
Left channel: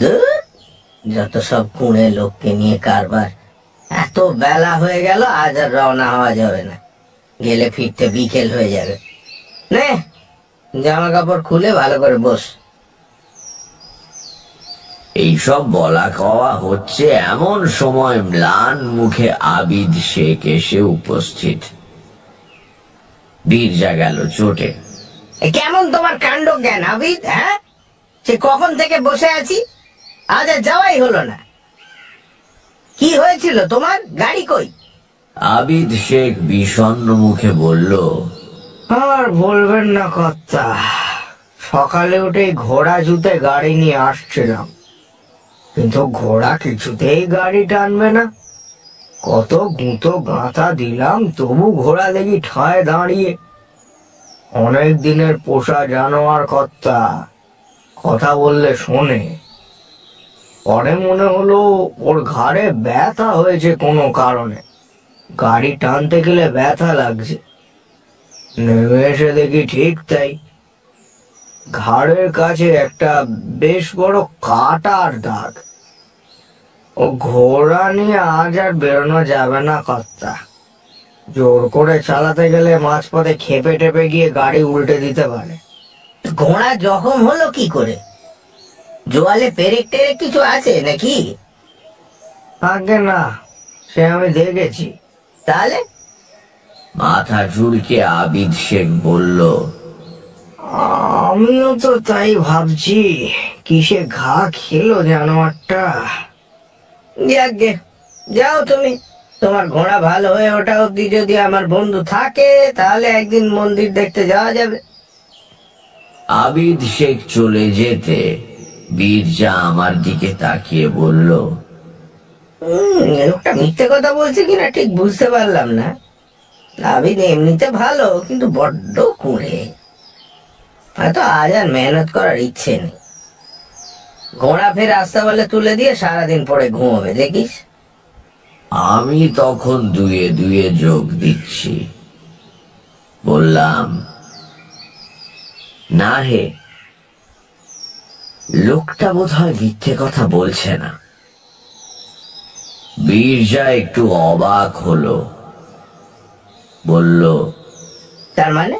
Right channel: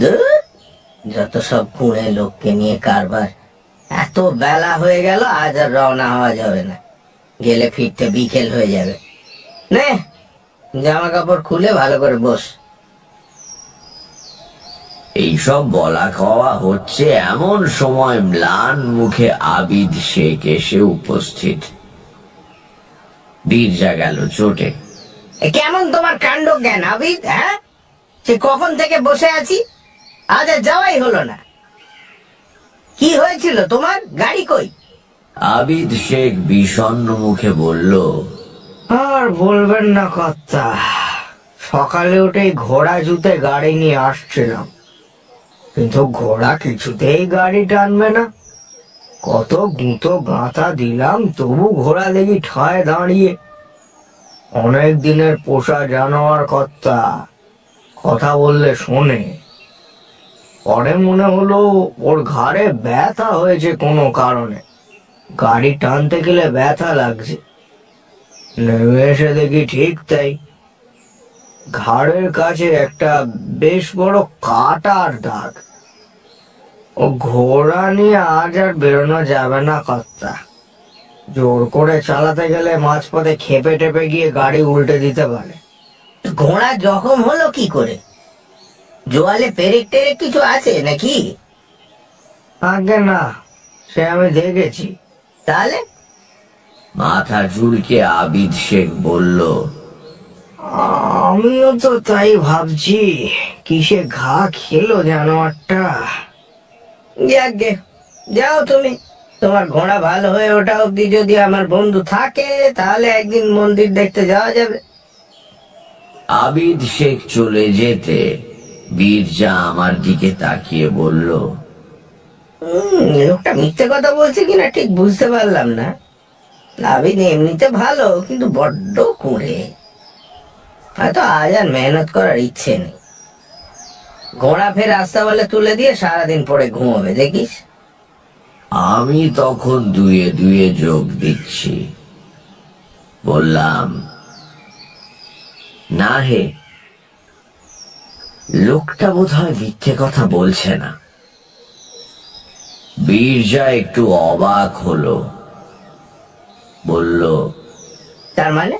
ধুর, যত সব কুঁড়ে লোককে নিয়ে কারবার। এত বেলা হয়ে গেল, আজ আর রওনা হওয়া যাবে না। গেলে ফিরতে বিকেল হয়ে যাবে। নে, জামা কাপড় খুলে ভালো করে বস। এইসব বলা কওয়া হচ্ছে এমন সময় ম্লান মুখে আবিদ শেখ এসে উপস্থিত। বীরজা গেল চোটে। কেমন তোমার কাণ্ড জ্ঞান আবিদ? হ্যাঁ, সে কখন থেকে বসে আছি, আজ আর যাওয়াই হলো না। কি হয়েছিল তোমার? গাড়ি কই? আবিদ শেখ বিষণ্ণ মুখে বলল, আর বলবেন না কর্তা, সকালে উঠে ঘোড়া জুতে গাড়ি নিয়ে আসছিলাম, কিন্তু ঘোড়া কিছুতেই গাড়ি টানবে না। কত গুঁতো গাঁথা দিলাম, তবু ঘোড়া দেখি ঠায় দাঁড়িয়ে। অনেক দিনের পোষা জানোয়ার কর্তা, কথা বললে শোনে। পরে মনে হলো ওর ঘাড়ে ব্যথা হয়েছে কোনো কারণে, গাড়ি টানতে গেলে ব্যথা লাগছে। নেমে এসে দেখি ঠিক তাই, ঘাড়ের কাছে একটা বেশ বড় কাটার দাগ। ও ঘোড়া নিয়ে আজ আর বেরোনো যাবে না কর্তা। জোর করে চালাতে গেলে মাঝপথে খেপে টেপে গিয়ে গাড়ি উল্টে দিতে পারে। ঘোড়া জখম হলো কি করে? জোয়ালে পেরেক টেরেক কিছু আছে নাকি? আগে না, সে আমি দেখেছি। তাহলে? মাথা চুলকে আবিদ শেখ বলল, আমিও তো তাই ভাবছি, কিসে ঘা খেলো জানোয়ারটা। যাকগে, যাও তুমি। তোমার ঘোড়া ভালো হয়ে ওঠা অব্দি যদি আমার বন্ধু থাকে, তাহলে একদিন মন্দির দেখতে যাওয়া যাবে। আবিদ শেখ চলে যেতে বীরজা আমার দিকে তাকিয়ে বলল, লোকটা মিথ্যে কথা বলছে কিনা ঠিক বুঝতে পারলাম না। আবিদ এমনিতে ভালো, কিন্তু বড্ড কুঁড়ে। হয়তো আজ আর মেহনত করার ইচ্ছে নেই। ঘোড়া ফের রাস্তা বলে তুলে দিয়ে সারাদিন পরে ঘুমোবে, দেখিস। আমি তখন দুয়ে দুয়ে যোগ দিচ্ছি। বললাম, না হে, লোকটা বোধহয় মিথ্যে কথা বলছে না। বীরজা একটু অবাক হলো, বলল, তার মানে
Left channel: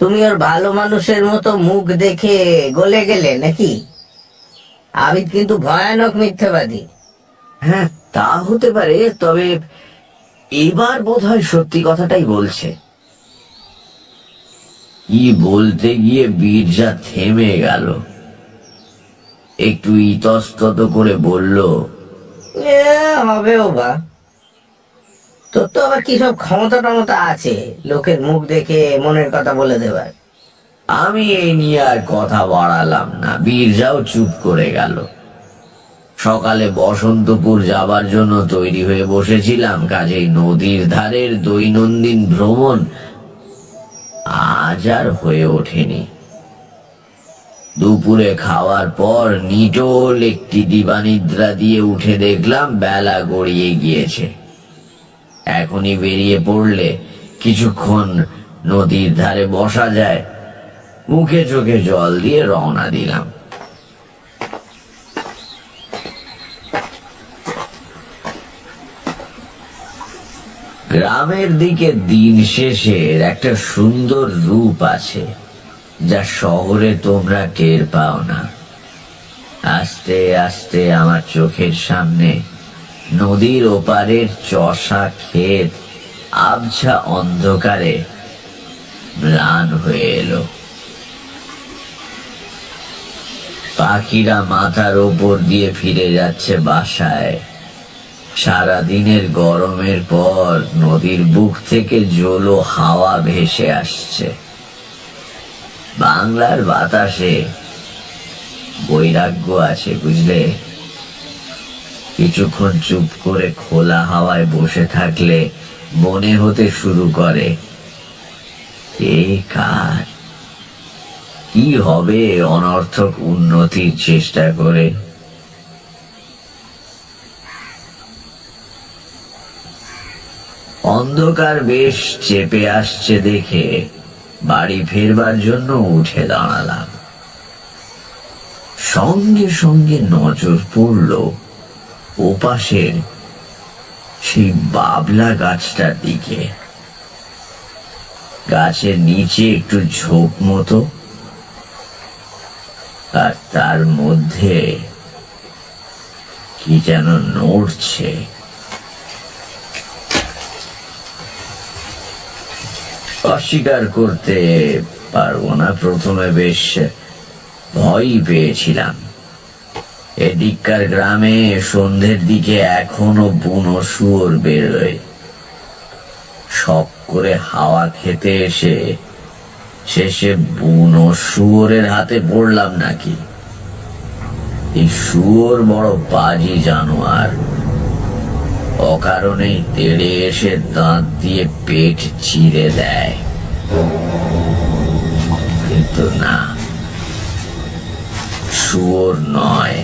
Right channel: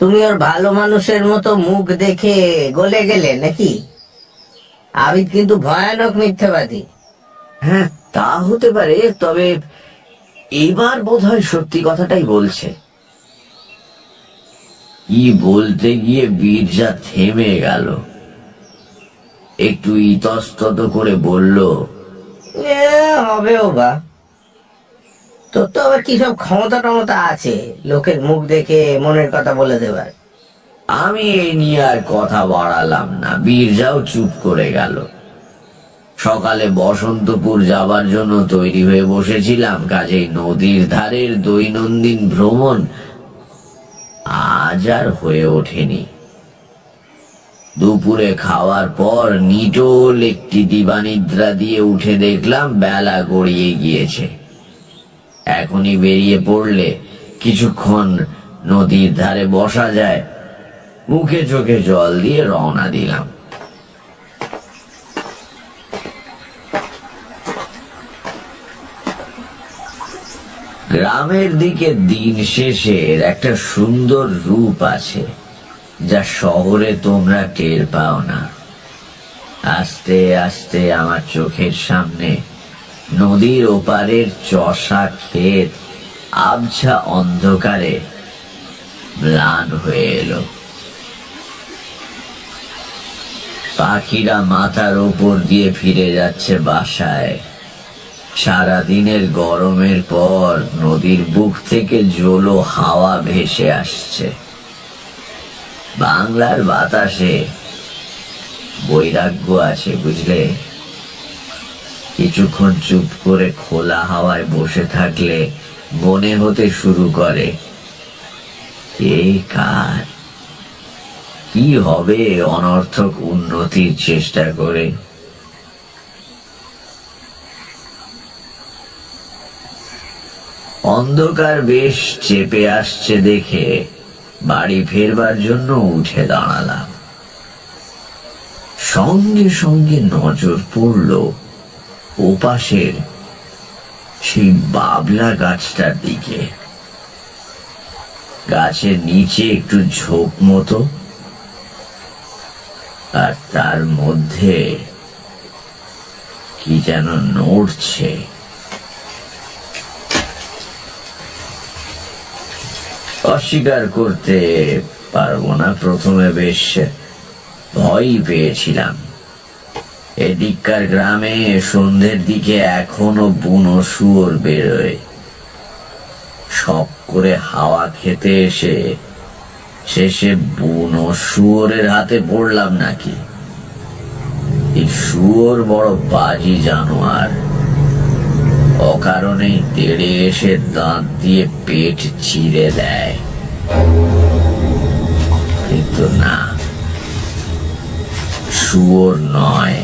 তুমি ওর ভালো মানুষের মতো মুখ দেখে গলে গেলে নাকি? আবিদ কিন্তু ভয়ানক মিথ্যাবাদী। হ্যাঁ, তা হতে পারে, তবে এবার বোধহয় সত্যি কথাটাই বলছে। কি বলতে গিয়ে বীরজা থেমে গেল, একটু ইতস্তত করে বলল, হবেও বা। তোর তো আবার কি সব ক্ষমতা টমতা আছে লোকের মুখ দেখে মনের কথা বলে দেবার। আমি এই নিয়ে আর কথা বাড়ালাম না। বীরজাও চুপ করে গেল। সকালে বসন্তপুর যাবার জন্য তৈরি হয়ে বসেছিলাম, কাজেই নদীর ধারের দৈনন্দিন ভ্রমণ আজ আর হয়ে ওঠেনি। দুপুরে খাওয়ার পর নিটোল একটি দিবানিদ্রা দিয়ে উঠে দেখলাম বেলা গড়িয়ে গিয়েছে। এখনই বেরিয়ে পড়লে কিছুক্ষণ নদীর ধারে বসা যায়। মুখে চোখে জল দিয়ে রওনা দিলাম। গ্রামের দিকে দিন শেষের একটা সুন্দর রূপ আছে, যা শহরে তোমরা টের পাও না। আস্তে আস্তে আমার চোখের সামনে নদীর ওপারের চষা ক্ষেত আবছা অন্ধকারে ম্লান হয়ে এলো। পাখিরা মাথার ওপর দিয়ে ফিরে যাচ্ছে বাসায়। সারাদিনের গরমের পর নদীর বুক থেকে জোলো হাওয়া ভেসে আসছে। বাংলার বাতাসে বৈরাগ্য আছে, বুঝলে। কিছুক্ষণ চুপ করে খোলা হাওয়ায় বসে থাকলে মনে হতে শুরু করে, এই কার কি হবে অনর্থক উন্নতির চেষ্টা করে। অন্ধকার বেশ চেপে আসছে দেখে বাড়ি ফেরবার জন্য উঠে দাঁড়ালাম। সঙ্গে সঙ্গে নজর পড়ল ওপাশের সেই বাবলা গাছটার দিকে। গাছের নিচে একটু ঝোপ মতো, আর তার মধ্যে কি যেন নড়ছে। অস্বীকার করতে পারবো না, প্রথমে বেশ ভয়ই পেয়েছিলাম। এদিককার গ্রামে সন্ধ্যের দিকে এখনো বুনো শুয়োর বেরোয়। শখ করে হাওয়া খেতে এসে শেষে বুনো শুয়োরের হাতে পড়লাম নাকি? এই শুয়োর বড় বাজি জানোয়ার, অকারণেই তেড়ে এসে দাঁত দিয়ে পেট চিরে দেয়। কিন্তু না, শুয়োর নয়।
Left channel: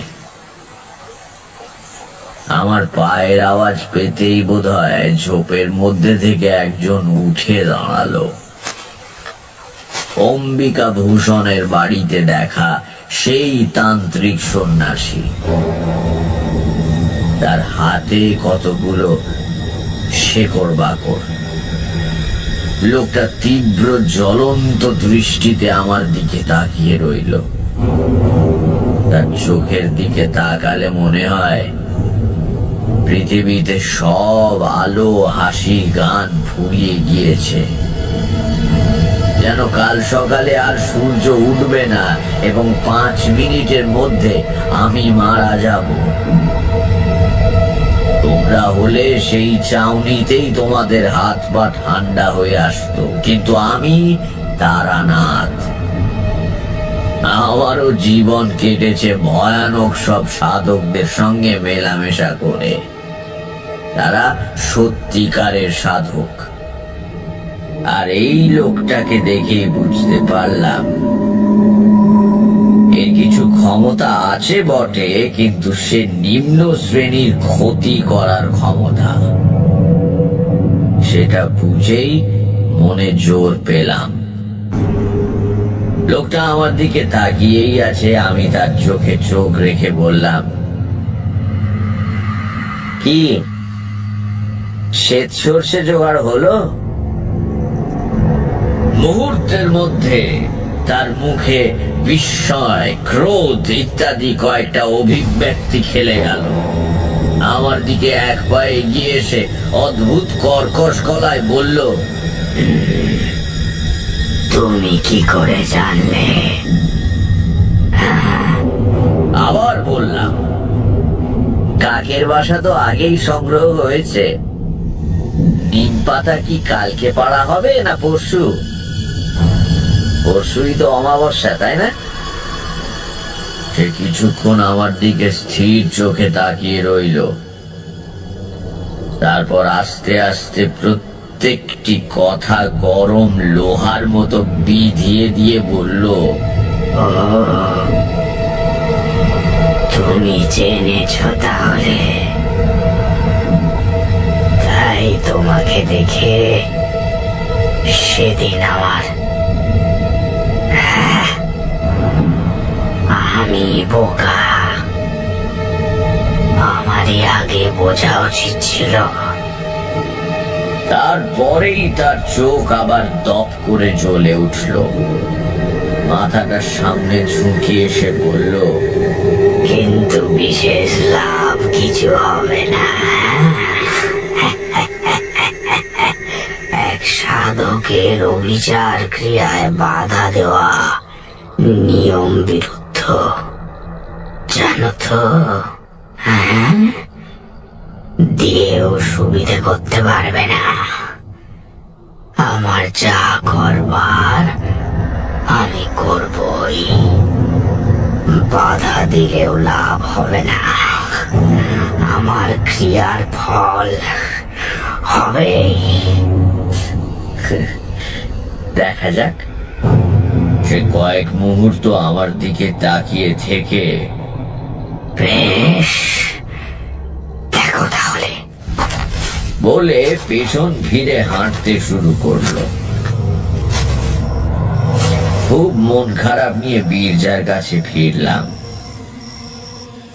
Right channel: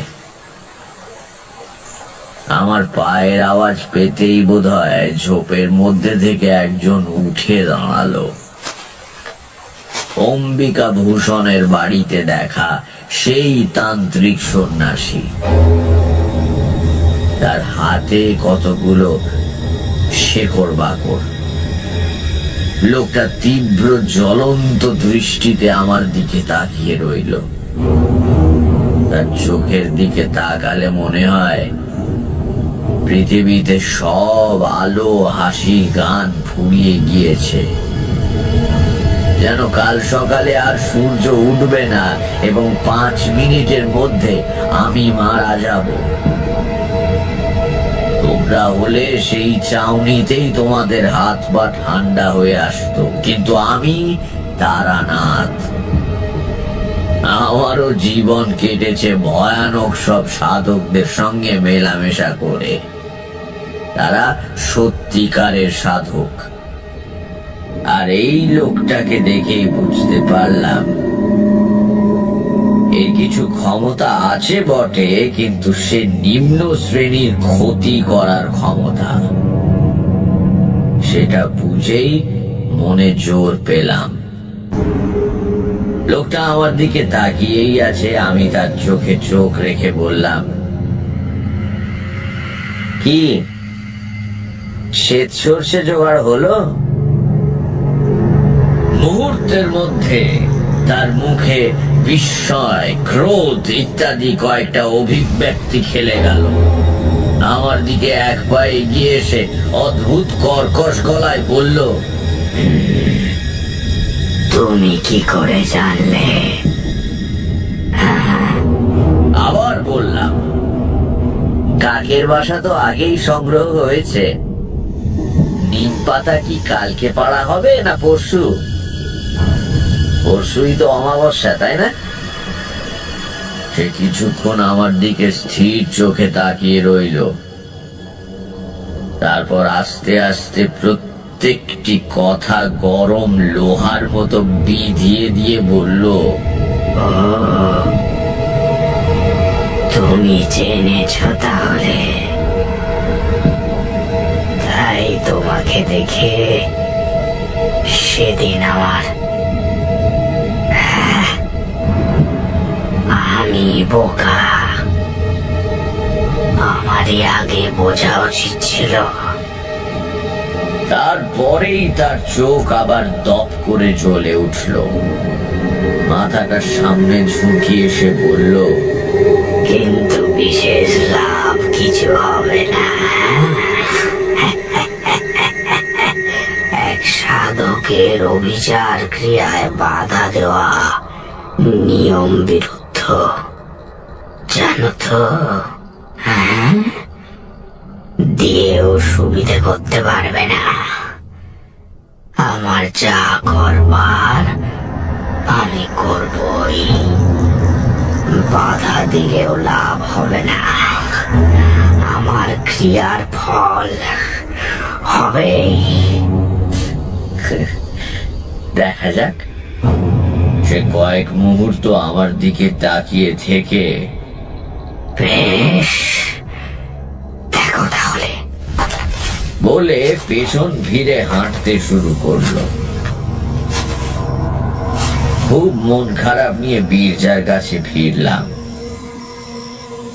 আমার পায়ের আওয়াজ পেতেই বোধহয় ঝোপের মধ্যে থেকে একজন উঠে দাঁড়ালো। অম্বিকা ভূষণের বাড়িতে দেখা সেই তান্ত্রিক সন্ন্যাসী। তার হাতে কতগুলো শেকড় বাকড়। লোকটা তীব্র জ্বলন্ত দৃষ্টিতে আমার দিকে তাকিয়ে রইল। তার চোখের দিকে তাকালে মনে হয় পৃথিবীতে সব আলো, হাসি, গান ফুরিয়ে গিয়েছে। যেন কাল সকালে আর সূর্য উঠবে না এবং 5 মিনিটের মধ্যে আমি মারা যাব। তোমরা হলে সেই চাউনিতেই তোমাদের হাত পা ঠান্ডা হয়ে আসতো, কিন্তু আমি তারানাথ। আমারও জীবন কেটেছে ভয়ানক সব সাধকদের সঙ্গে মেলামেশা করে। তারা সত্যিকারের সাধক। আর এই লোকটাকে দেখেই বুঝতে পারলাম এর কিছু ক্ষমতা আছে বটে, কিন্তু সে নিম্ন শ্রেণীর ক্ষতি করার ক্ষমতা। সেটা বুঝেই মনে জোর পেলাম। লোকটা আমার দিকে তাকিয়েই আছে। আমি তার চোখে চোখ রেখে বললাম, কি শ্বেত সর্ষে জোগাড় হলো? মুহূর্তের মধ্যে তার মুখে বিস্ময়, ক্রোধ ইত্যাদি কয়েকটা অভিব্যক্তি খেলে গেল। আমার দিকে এক পা এগিয়ে এসে অদ্ভুত কর্কশ গলায় বলল, তুমি কি করে জানলে? আবার বললাম, কাকের বাসা তো আগেই সংগ্রহ হয়েছে। নিম পাতা কি কালকে পাড়া হবে না পরশু? পরশুই তো অমাবস্যা, তাই না? সে কিছুক্ষণ আমার দিকে স্থির চোখে তাকিয়ে রইল। তারপর আস্তে আস্তে প্রত্যেকটি কথা গরম লোহার মতো বিধিয়ে দিয়ে বলল, তুমি জেনেছ তাহলে? তাই তোমাকে দেখে সেদিন আমি বোকা। আমারই আগে বোঝা উচিত ছিল। তারপরেই তার চোখ আবার দপ করে জ্বলে উঠল। মাথাটা সামনে ঝুঁকিয়ে সে বলল, কিন্তু বিশেষ লাভ কিছু হবে না। এক সাধকের অবিচার ক্রিয়ায় বাধা দেওয়া নিয়ম বিরুদ্ধ, জানো তো? দিয়েও সুবিধে করতে পারবে না। আমার যা করবার আমি করবই। বাধা দিলেও লাভ হবে না। আমার ক্রিয়ার ফল হবে। দেখা যাক। সে কয়েক মুহূর্ত আমার দিকে তাকিয়ে থেকে বেশ, দেখো তাহলে বলে পেছন ফিরে হাঁটতে শুরু করলো। খুব মন খারাপ নিয়ে বীরজার কাছে ফিরলাম।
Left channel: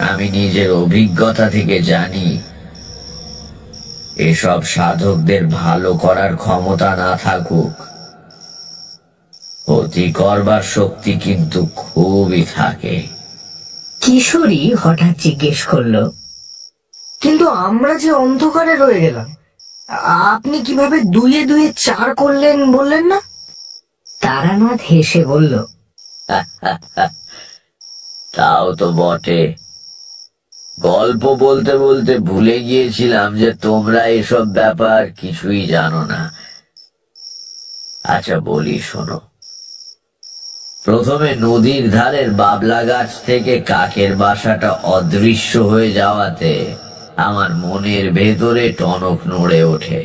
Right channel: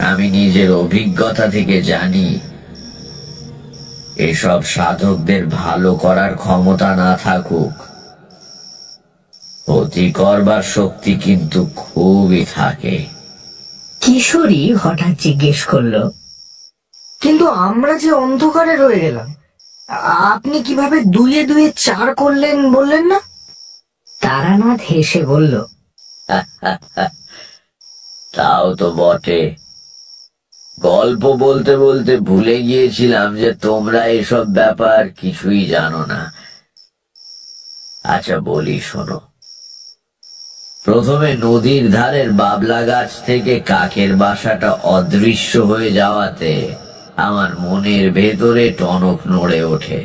আমি নিজের অভিজ্ঞতা থেকে জানি, এসব সাধকদের ভালো করার ক্ষমতা না থাকুক, ক্ষতি করবার শক্তি কিন্তু খুবই থাকে। কিশোরী হঠাৎ জিজ্ঞেস করলো, কিন্তু আমরা যে অন্ধকারে রয়ে গেলাম, আপনি কিভাবে 2 2 4 করলেন বললেন না? তারানাথ হেসে বলল, তাও তো বটে। গল্প বলতে বলতে ভুলে গিয়েছিলাম যে তোমরা এসব ব্যাপার কিছুই জানো না। আচ্ছা বলি, শোনো। প্রথমে নদীর ধারের বাবলা গাছ থেকে কাকের বাসাটা অদৃশ্য হয়ে যাওয়াতে আমার মনের ভেতরে টনক নড়ে ওঠে।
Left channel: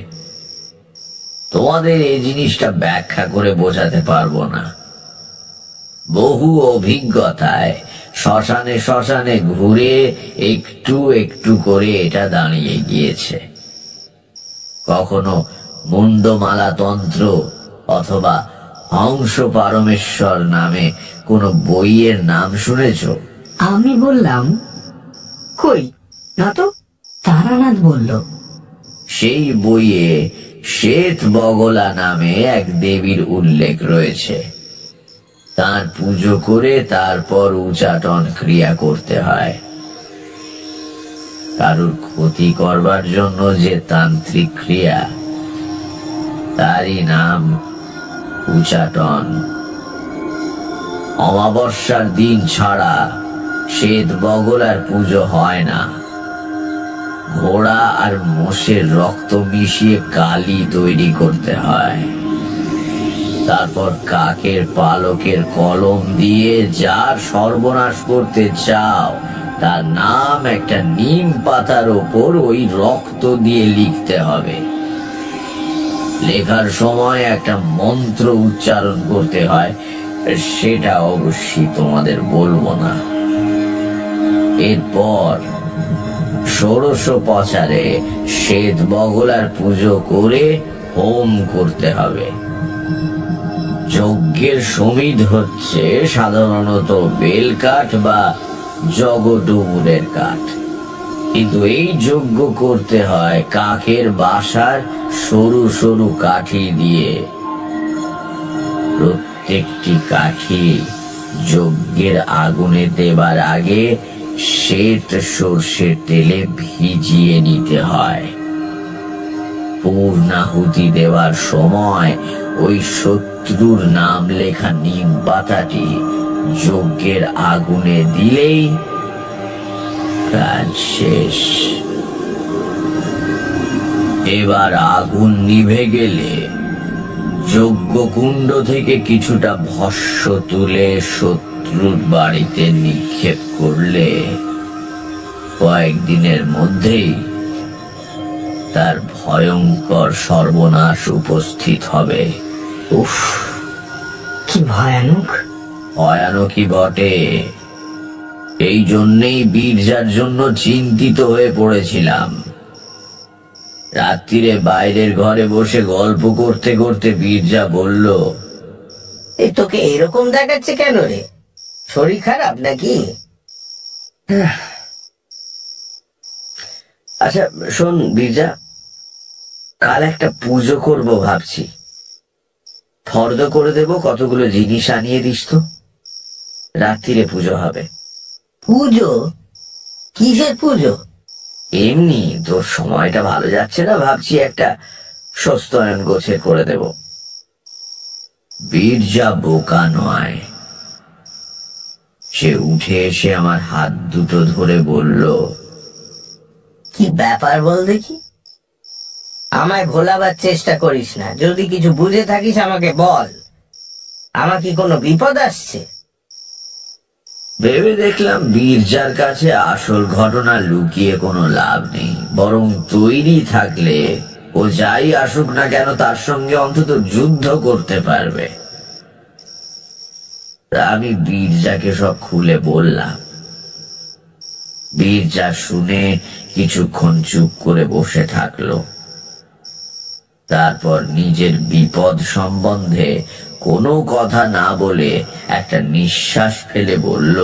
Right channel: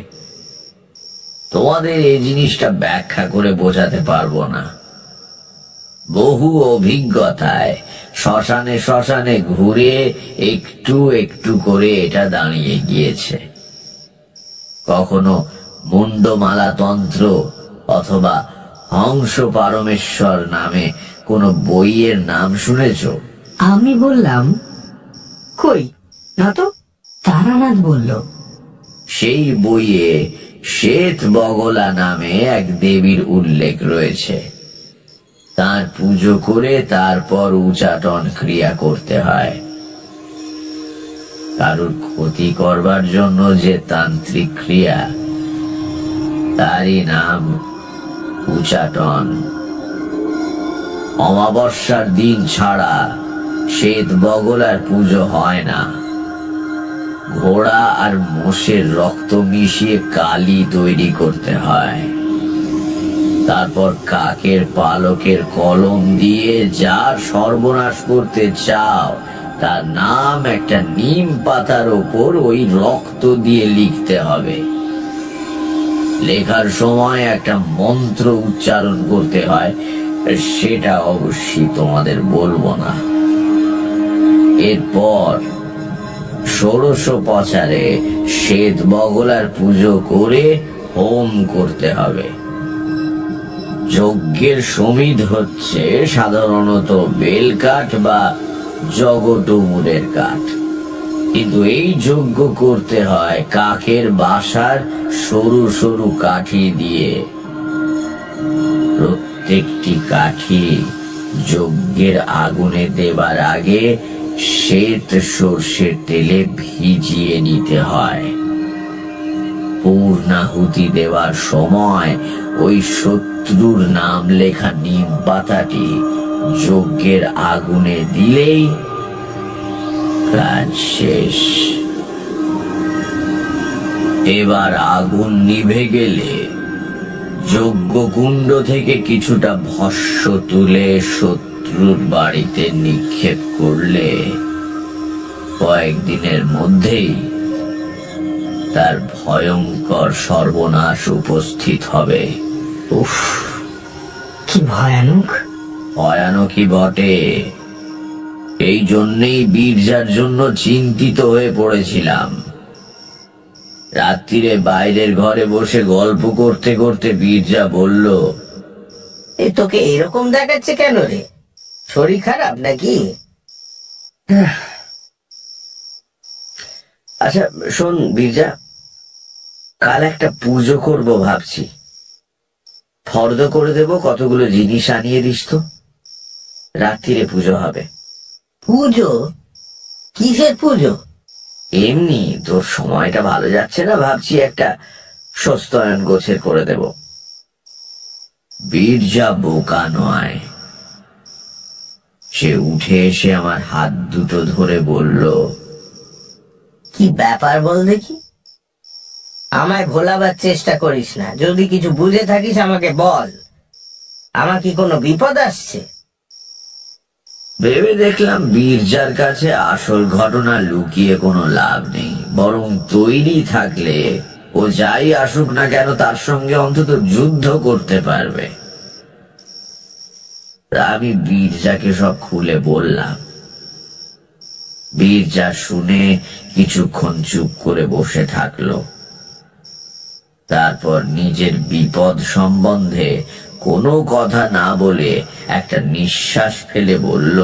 তোমাদের এই জিনিসটা ব্যাখ্যা করে বোঝাতে পারবো না। বহু অভিজ্ঞতায় শ্মশানে শ্মশানে ঘুরে একটু একটু করে এটা দাঁড়িয়ে গিয়েছে। কখনো মুন্ডমালা তন্ত্র অথবা হংস পারমেশ্বর নামে কোনো বইয়ের নাম শুনেছ? আমি বললাম, কই না তো। তারানাথ বলল, সেই বইয়ে শ্বেত বগলা নামে এক দেবীর উল্লেখ রয়েছে। তার পুজো করে তারপর উচাটন ক্রিয়া করতে হয়। কারুর ক্ষতি করবার জন্য যে তান্ত্রিক ক্রিয়া, তারই নাম উচাটন। অমাবস্যার দিন ছাড়া শ্বেত বগলার পুজো হয় না। ঘোড়া আর মোষের রক্ত মিশিয়ে কালি তৈরি করতে হয়। তারপর কাকের পালকের কলম দিয়ে যার সর্বনাশ করতে চাও তার নাম একটা নিম পাতার ওপর ওই রক্ত দিয়ে লিখতে হবে। লেখার সময় একটা মন্ত্র উচ্চারণ করতে হয়, সেটা অবশ্যই তোমাদের বলবো না। এরপর ষোড়শোপচারে শ্বেত বগলার পুজো করে হোম করতে হবে। যজ্ঞের সমিধ হচ্ছে সাধারণত বেলকাঠ বা জগডুমুরের কাঠ, কিন্তু এই যজ্ঞ করতে হয় কাকের বাসার সরু সরু কাঠি দিয়ে। প্রত্যেকটি কাঠি যজ্ঞের আগুনে দেবার আগে শ্বেত সর্ষের তেলে ভিজিয়ে নিতে হয়। পূর্ণাহুতি দেওয়ার সময় ওই শত্রুর নাম লেখা নিম পাতাটি যজ্ঞের আগুনে দিলেই কাজ শেষ। এবার আগুন নিভে গেলে যজ্ঞকুণ্ড থেকে কিছুটা ভস্য তুলে শত্রুর বাড়িতে নিক্ষেপ করলে কয়েকদিনের মধ্যেই তার ভয়ঙ্কর সর্বনাশ উপস্থিত হবে। উফ, কি ভয়ানক। ভয়ানকই বটে। এই জন্যেই বীরজার জন্য চিন্তিত হয়ে পড়েছিলাম। রাত্রিরে বাইরের ঘরে বসে গল্প করতে করতে বীরজা বলল, এই তোকে এরকম দেখাচ্ছে কেন রে? শরীর খারাপ নাকি? আচ্ছা শোন বীরজা, কাল একটা পুজো করব ভাবছি। ফর্দ করে দেব, কতগুলো জিনিস আনিয়ে দিস তো। রাত্রিরে পুজো হবে। পুজো? কিসের পুজো? এমনি তোর সময়টা ভালো যাচ্ছে না, ভাবছি একটা সস্তয়ন গোছের করে দেব। বীরজা বোকা নয়। সে উঠে এসে আমার হাত দুটো ধরে বলল, কি ব্যাপার বল দেখি। আমায় ভোলাবার চেষ্টা করিস না। যদি কিছু বুঝে থাকিস আমাকে বল। আমার কি কোনো বিপদ আসছে? ভেবে দেখলাম বীরজার কাছে আসল ঘটনা লুকিয়ে কোনো লাভ নেই, বরং তৈরি থাকলে ও যাই আসুক না কেন তার সঙ্গে অন্তত যুদ্ধ করতে পারবে। আমি বীরজাকে সব খুলে বললাম। বীরজা শুনে কিছুক্ষণ চুপ করে বসে থাকলো। তারপর নিজের বিপদ সম্বন্ধে কোনো কথা না বলে একটা নিঃশ্বাস ফেলে বলল,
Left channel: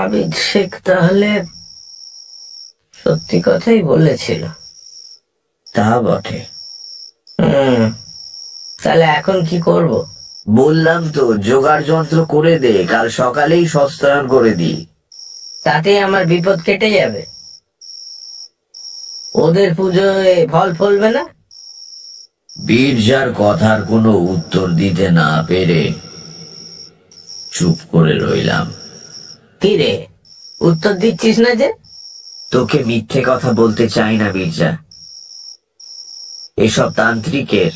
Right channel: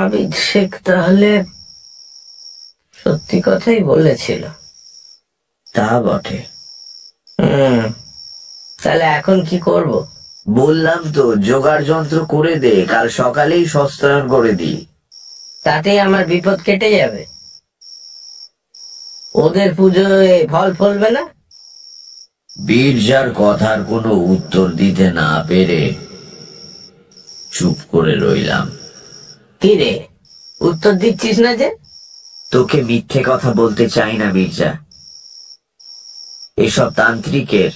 আবিদ শেখ তাহলে সত্যি কথাই বলেছিল। তা বটে। তাহলে এখন কি করব? বললাম তো, জোগাড় যন্ত্র করে দে, কাল সকালেই সস্তায়ন করে দি। তাতে আমার বিপদ কেটে যাবে? ওদের পুজোয় ফল ফলবে না? বীরজার কথার কোনো উত্তর দিতে না পেরে চুপ করে রইলাম। কি রে, উত্তর দিচ্ছিস না যে? তোকে মিথ্যে কথা বলতে চাই না বীরজা। এসব তান্ত্রিকের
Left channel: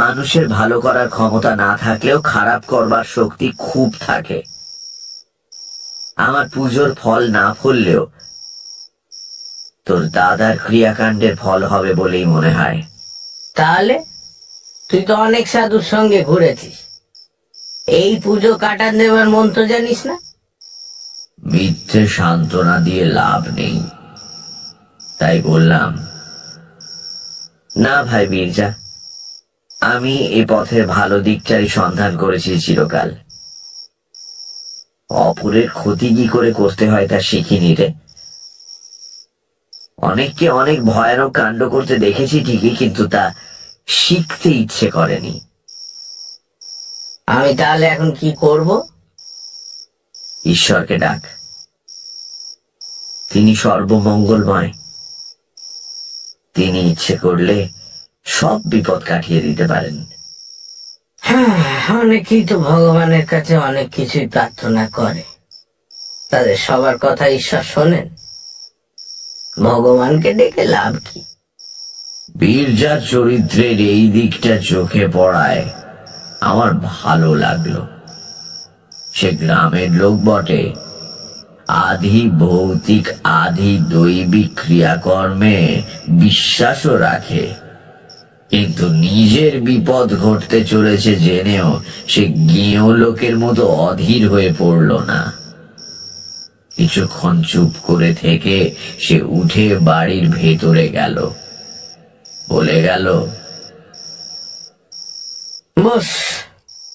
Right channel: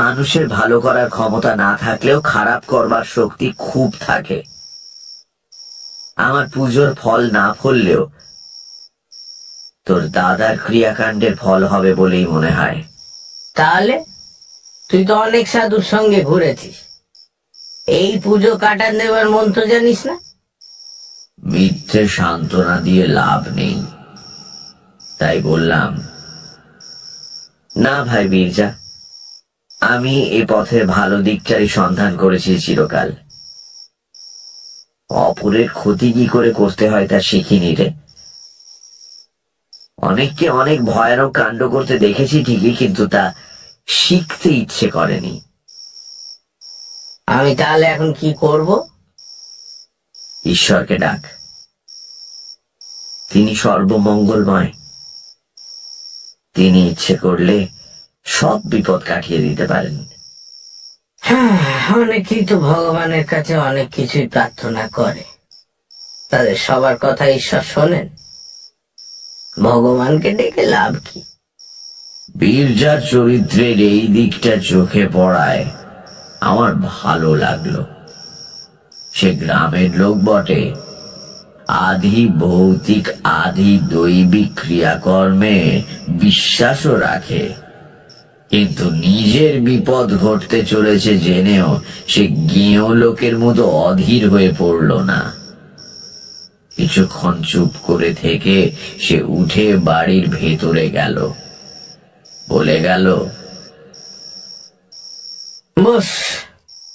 মানুষের ভালো করার ক্ষমতা না থাকলেও খারাপ করবার শক্তি খুব থাকে। আমার পুজোর ফল না ফললেও তোর দাদার ক্রিয়াকাণ্ডের ফল হবে বলেই মনে হয়। তাহলে তুই তো অনেক সাধুর সঙ্গে ঘুরেছিস, এই পুজো কাটান দেবার মন্ত্র জানিস না? মিথ্যে সান্ত্বনা দিয়ে লাভ নেই, তাই বললাম, না ভাই বীরজা, আমি এ পথের ভালো দিকটারই সন্ধান করেছি চিরকাল। অপরের ক্ষতি কি করে করতে হয় তা শিখিনি রে। অনেককে অনেক ভয়ানক কাণ্ড করতে দেখেছি ঠিকই, কিন্তু তা শিখতে ইচ্ছে করেনি। আমি তাহলে এখন কি করব? ঈশ্বরকে ডাক, তিনি সর্বমঙ্গলময়। তিনি ইচ্ছে করলে সব বিপদ কাটিয়ে দিতে পারেন। অনেকেই তো ভগবানের কাছে অনেক কিছুই প্রার্থনা করে, তাদের সবার কথা ঈশ্বর শোনেন? ভগবানকে ডেকে লাভ কি? বীরজার চরিত্রের এই দিকটা চোখে পড়ায় আমার ভালো লাগলো। সে গ্রামের লোক বটে, আধি ভৌতিক আধি দৈবিক ক্রিয়াকর্মে বিশ্বাসও রাখে, কিন্তু নিজের বিপদ ঘটতে চলেছে জেনেও সে গেঁয়ো লোকের মতো অধীর হয়ে পড়ল না। কিছুক্ষণ চুপ করে থেকে সে উঠে বাড়ির ভেতরে গেল, বলে গেল, বস,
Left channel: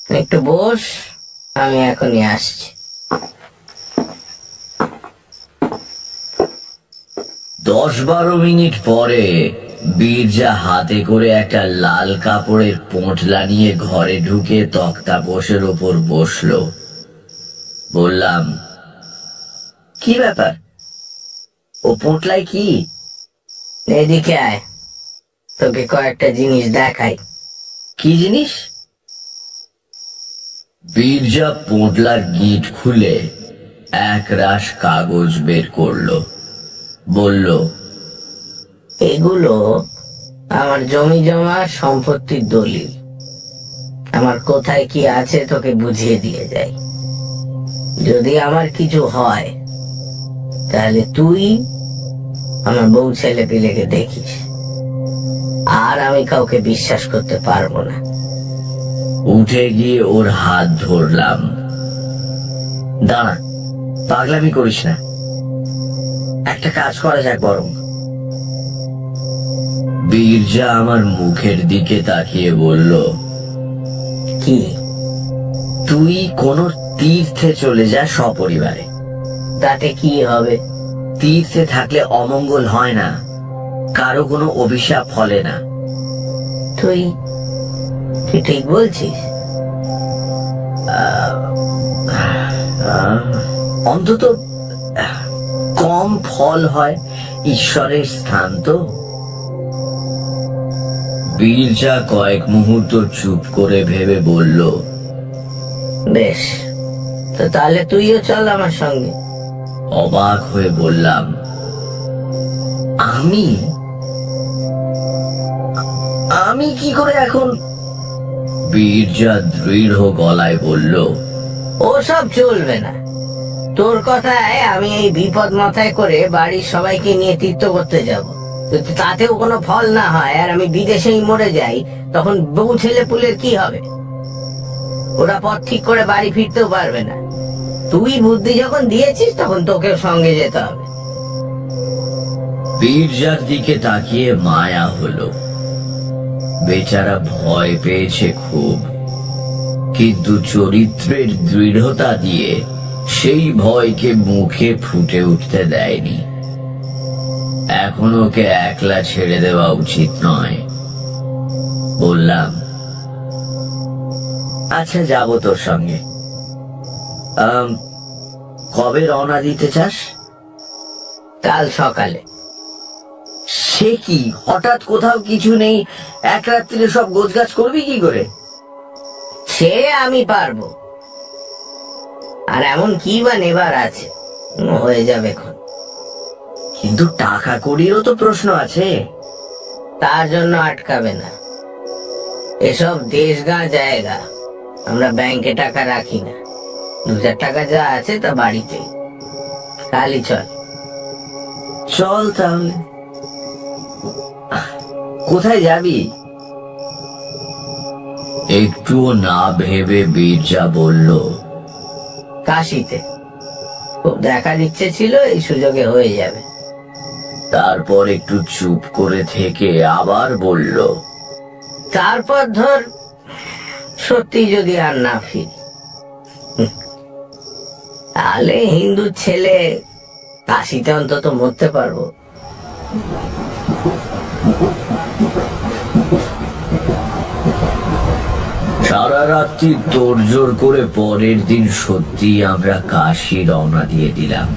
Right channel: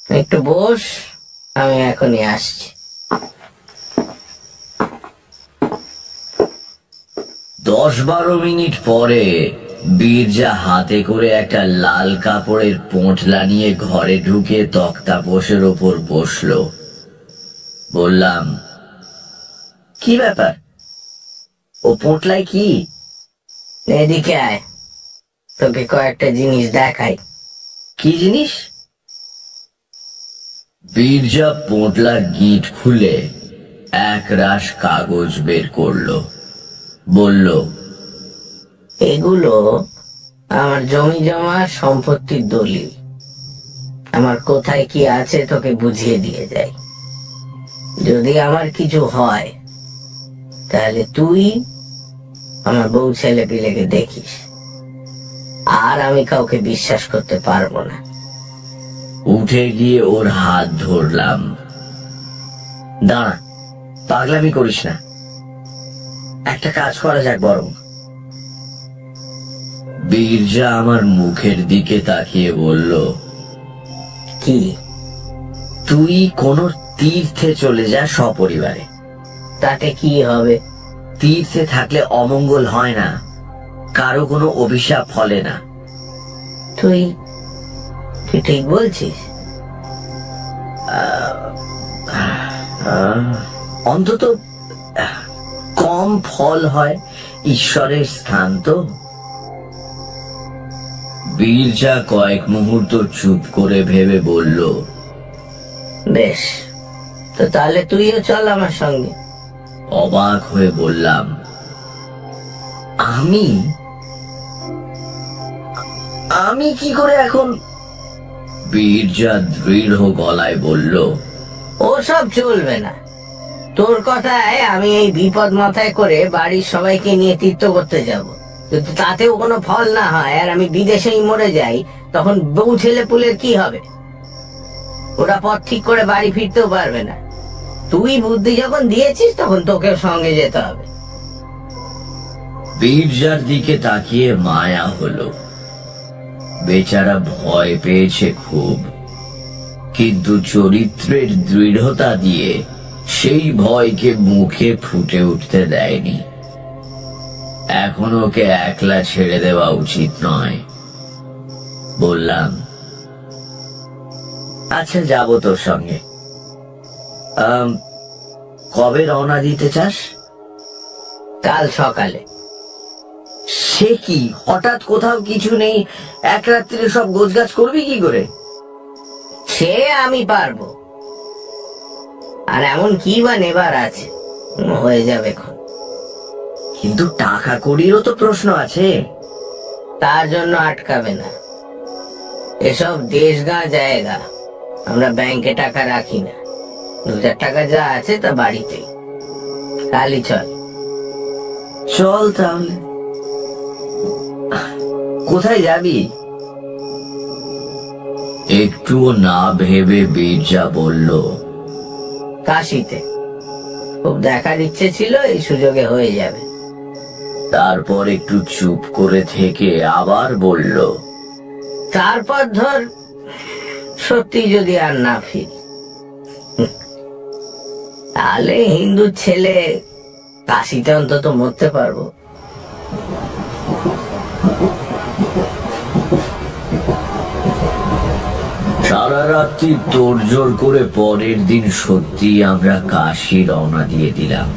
একটু বস, আমি এখনই আসছি। 10-12 মিনিট পরে বীরজা হাতে করে একটা লাল কাপড়ের পোঁটলা নিয়ে ঘরে ঢুকে তক্তাপোশের ওপর বসলো। বললাম, কি ব্যাপার? ও পোঁটলায় কি? এদিকে আয়, তোকে কয়েকটা জিনিস দেখাই। কি জিনিস? বীরজা পোঁটলার গিঁট খুলে এক রাশ কাগজ বের করলো, বলল, এগুলো আমার জমি জমা সম্পত্তির দলিল। আমার কোথায় কি আছে তোকে বুঝিয়ে দিয়ে যাই। যদি আমার কিছু হয় তাহলে তুই আমার বউ ছেলে পিলেকে দেখিস, আর আমি কাউকে বিশ্বাস করতে পারবো না। উঠে গিয়ে ওর হাত ধরলাম। দাঁড়া, পাগলামি করিস না, একটা কাজ করা যাক বরং। বীরজা আমার মুখের দিকে তাকিয়ে বলল, কি? তুই কোন তীর্থে চলে যা সপরিবারে। তাতে কি হবে? তীর্থে থাকলে অমঙ্গল হয় না, কারো কোনো অভিশাপ ফলে না। তুই ঠিক বলছিস? অন্তত কম ফল হয়, ঈশ্বরের স্থান তো। বীরজা কয়েক মুহূর্ত চুপ করে ভেবে বলল, বেশ, তো তাহলে তুইও চল আমার সঙ্গে। অবাক হয়ে বললাম, আমি আমি কি করে এখন? বীরজা দৃঢ় গলায় বলল, ওসব চলবে না। তোর কথায় আমি এই বিপদ মাথায় করে বাড়ির সবাইকে নিয়ে তীর্থ করতে যাব। যদি তাতেও কোনো ফল না হয় আর আমি বিদেশেই মরে যাই, তখন বউ ছেলে পুলের কি হবে? ওরা পথ ঠিক করে বাড়ি ফিরতেও পারবে না। তুই বুদ্ধি যখন দিয়েছিস, তখন তোকেও সঙ্গে যেতে হবে। বীরজার দিকে তাকিয়ে মায়া হলো। বেচারা ভয় পেয়েছে খুব, কিন্তু চরিত্রের দৃঢ়তা দিয়ে সেই ভয়কে মুখে ফুটে উঠতে দেয়নি। এখন ওকে একলা ছেড়ে দেওয়া উচিত নয়। বললাম, আচ্ছা যাব তোর সঙ্গে। কবে রওনা দিতে চাস? কাল সকালে। সে কি, হঠাৎ কোথাও কিছু নেই, এক রাত্রিরে সব গোছগাছ করবি কি করে? সে আমি পারবো। আর এমন কি বা নেবার আছে, হয়ে যাবে এখন। কিন্তু টাকা কড়িরও তো প্রশ্ন আছে। তার জন্য আটকাবে না। এসব দেশগা জায়গা, আমরা ব্যাংকে টাকা রাখি না। 2,000 টাকা যা আছে তা বাড়িতে। কালই চল। চল তাহলে। কোথায় যাবি? একটুও না ভেবে বীরজা বলল, কাশিতে। খুব দেখার ইচ্ছে ছিল, এই সুযোগে হয়ে যাবে। তারপর একটু চুপ করে থেকে আবার বলল, তারপর ধর সত্যি যদি আর না ফিরি, তাহলে হিন্দুর ছেলে কাশিতে অন্তত মরতে পারবো। সারা রাত্রি তোড়জোড় করে পরের দিন সত্যি আমরা কাশী রওনা দিয়ে দিলাম।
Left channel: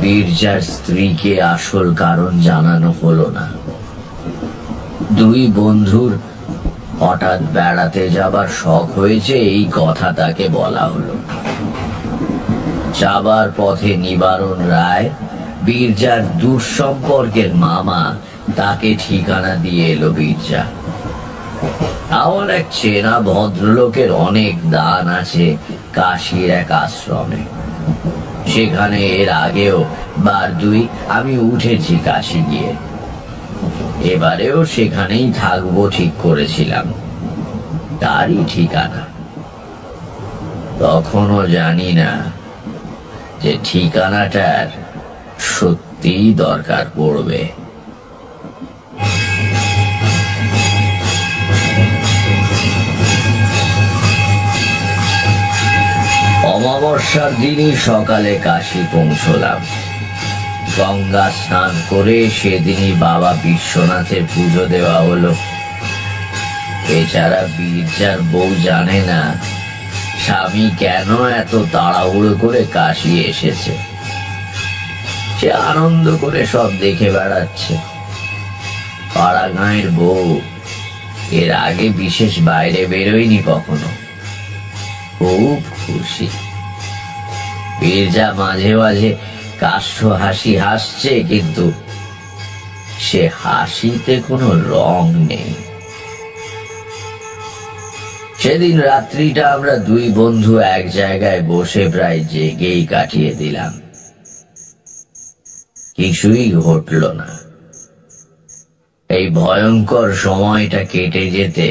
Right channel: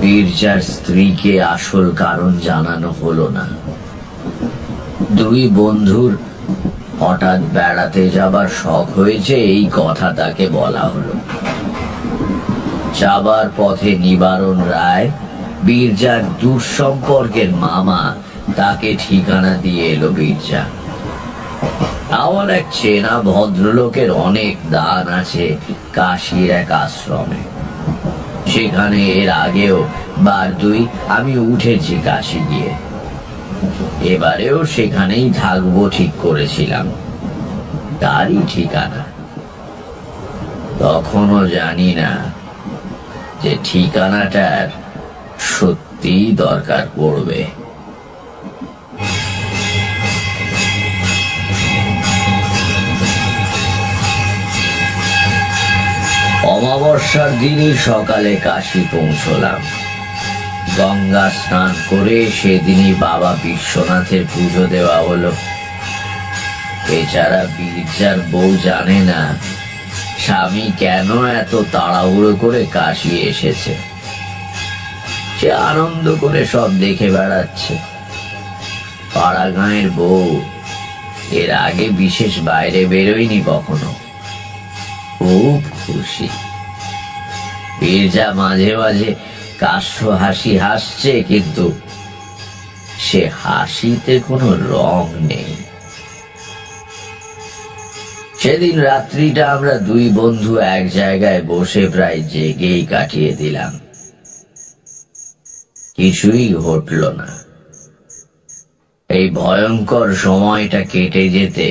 বীরজার স্ত্রীকে আসল কারণ জানানো হলো না। দুই বন্ধুর হঠাৎ বেড়াতে যাবার শখ হয়েছে, এই কথা তাকে বলা হলো। যাবার পথে নিবারণ রায়, বীরজার দূর সম্পর্কের মামা, তাকে ঠিকানা দিয়ে এলো বীরজা। আমার এক চেনা ভদ্রলোকের অনেক দান আছে কাশীর এক আশ্রমে। সেখানে এর আগেও বার দুই আমি উঠেছি কাশী গিয়ে। এবারেও সেখানেই থাকবো ঠিক করেছিলাম। তারই ঠিকানা। তখনও জানি না যে ঠিকানাটার সত্যিই দরকার পড়বে। অমাবস্যার দিনই সকালে কাশী পৌঁছলাম। গঙ্গা স্নান করে সেদিনই বাবা বিশ্বনাথের পুজো দেওয়া হলো। বেচারা বীরজার বউ জানে না স্বামী কেন এত তাড়াহুড়ো করে কাশী এসেছে। সে আনন্দ করে সব দেখে বেড়াচ্ছে। পাড়া গাঁয়ের বউ, এর আগে বিশেষ বাইরে বেরোয়নি কখনো। খুব খুশি। বীরজা মাঝে মাঝে কাষ্ঠ হাসি হাসছে, কিন্তু সে হাসিতে কোনো রং নেই। সেদিন রাত্রিটা আমরা দুই বন্ধু এক জায়গায় বসে প্রায় জেগেই কাটিয়ে দিলাম। কিছুই ঘটল না। এই ভয়ঙ্কর সময়টা কেটে যেতে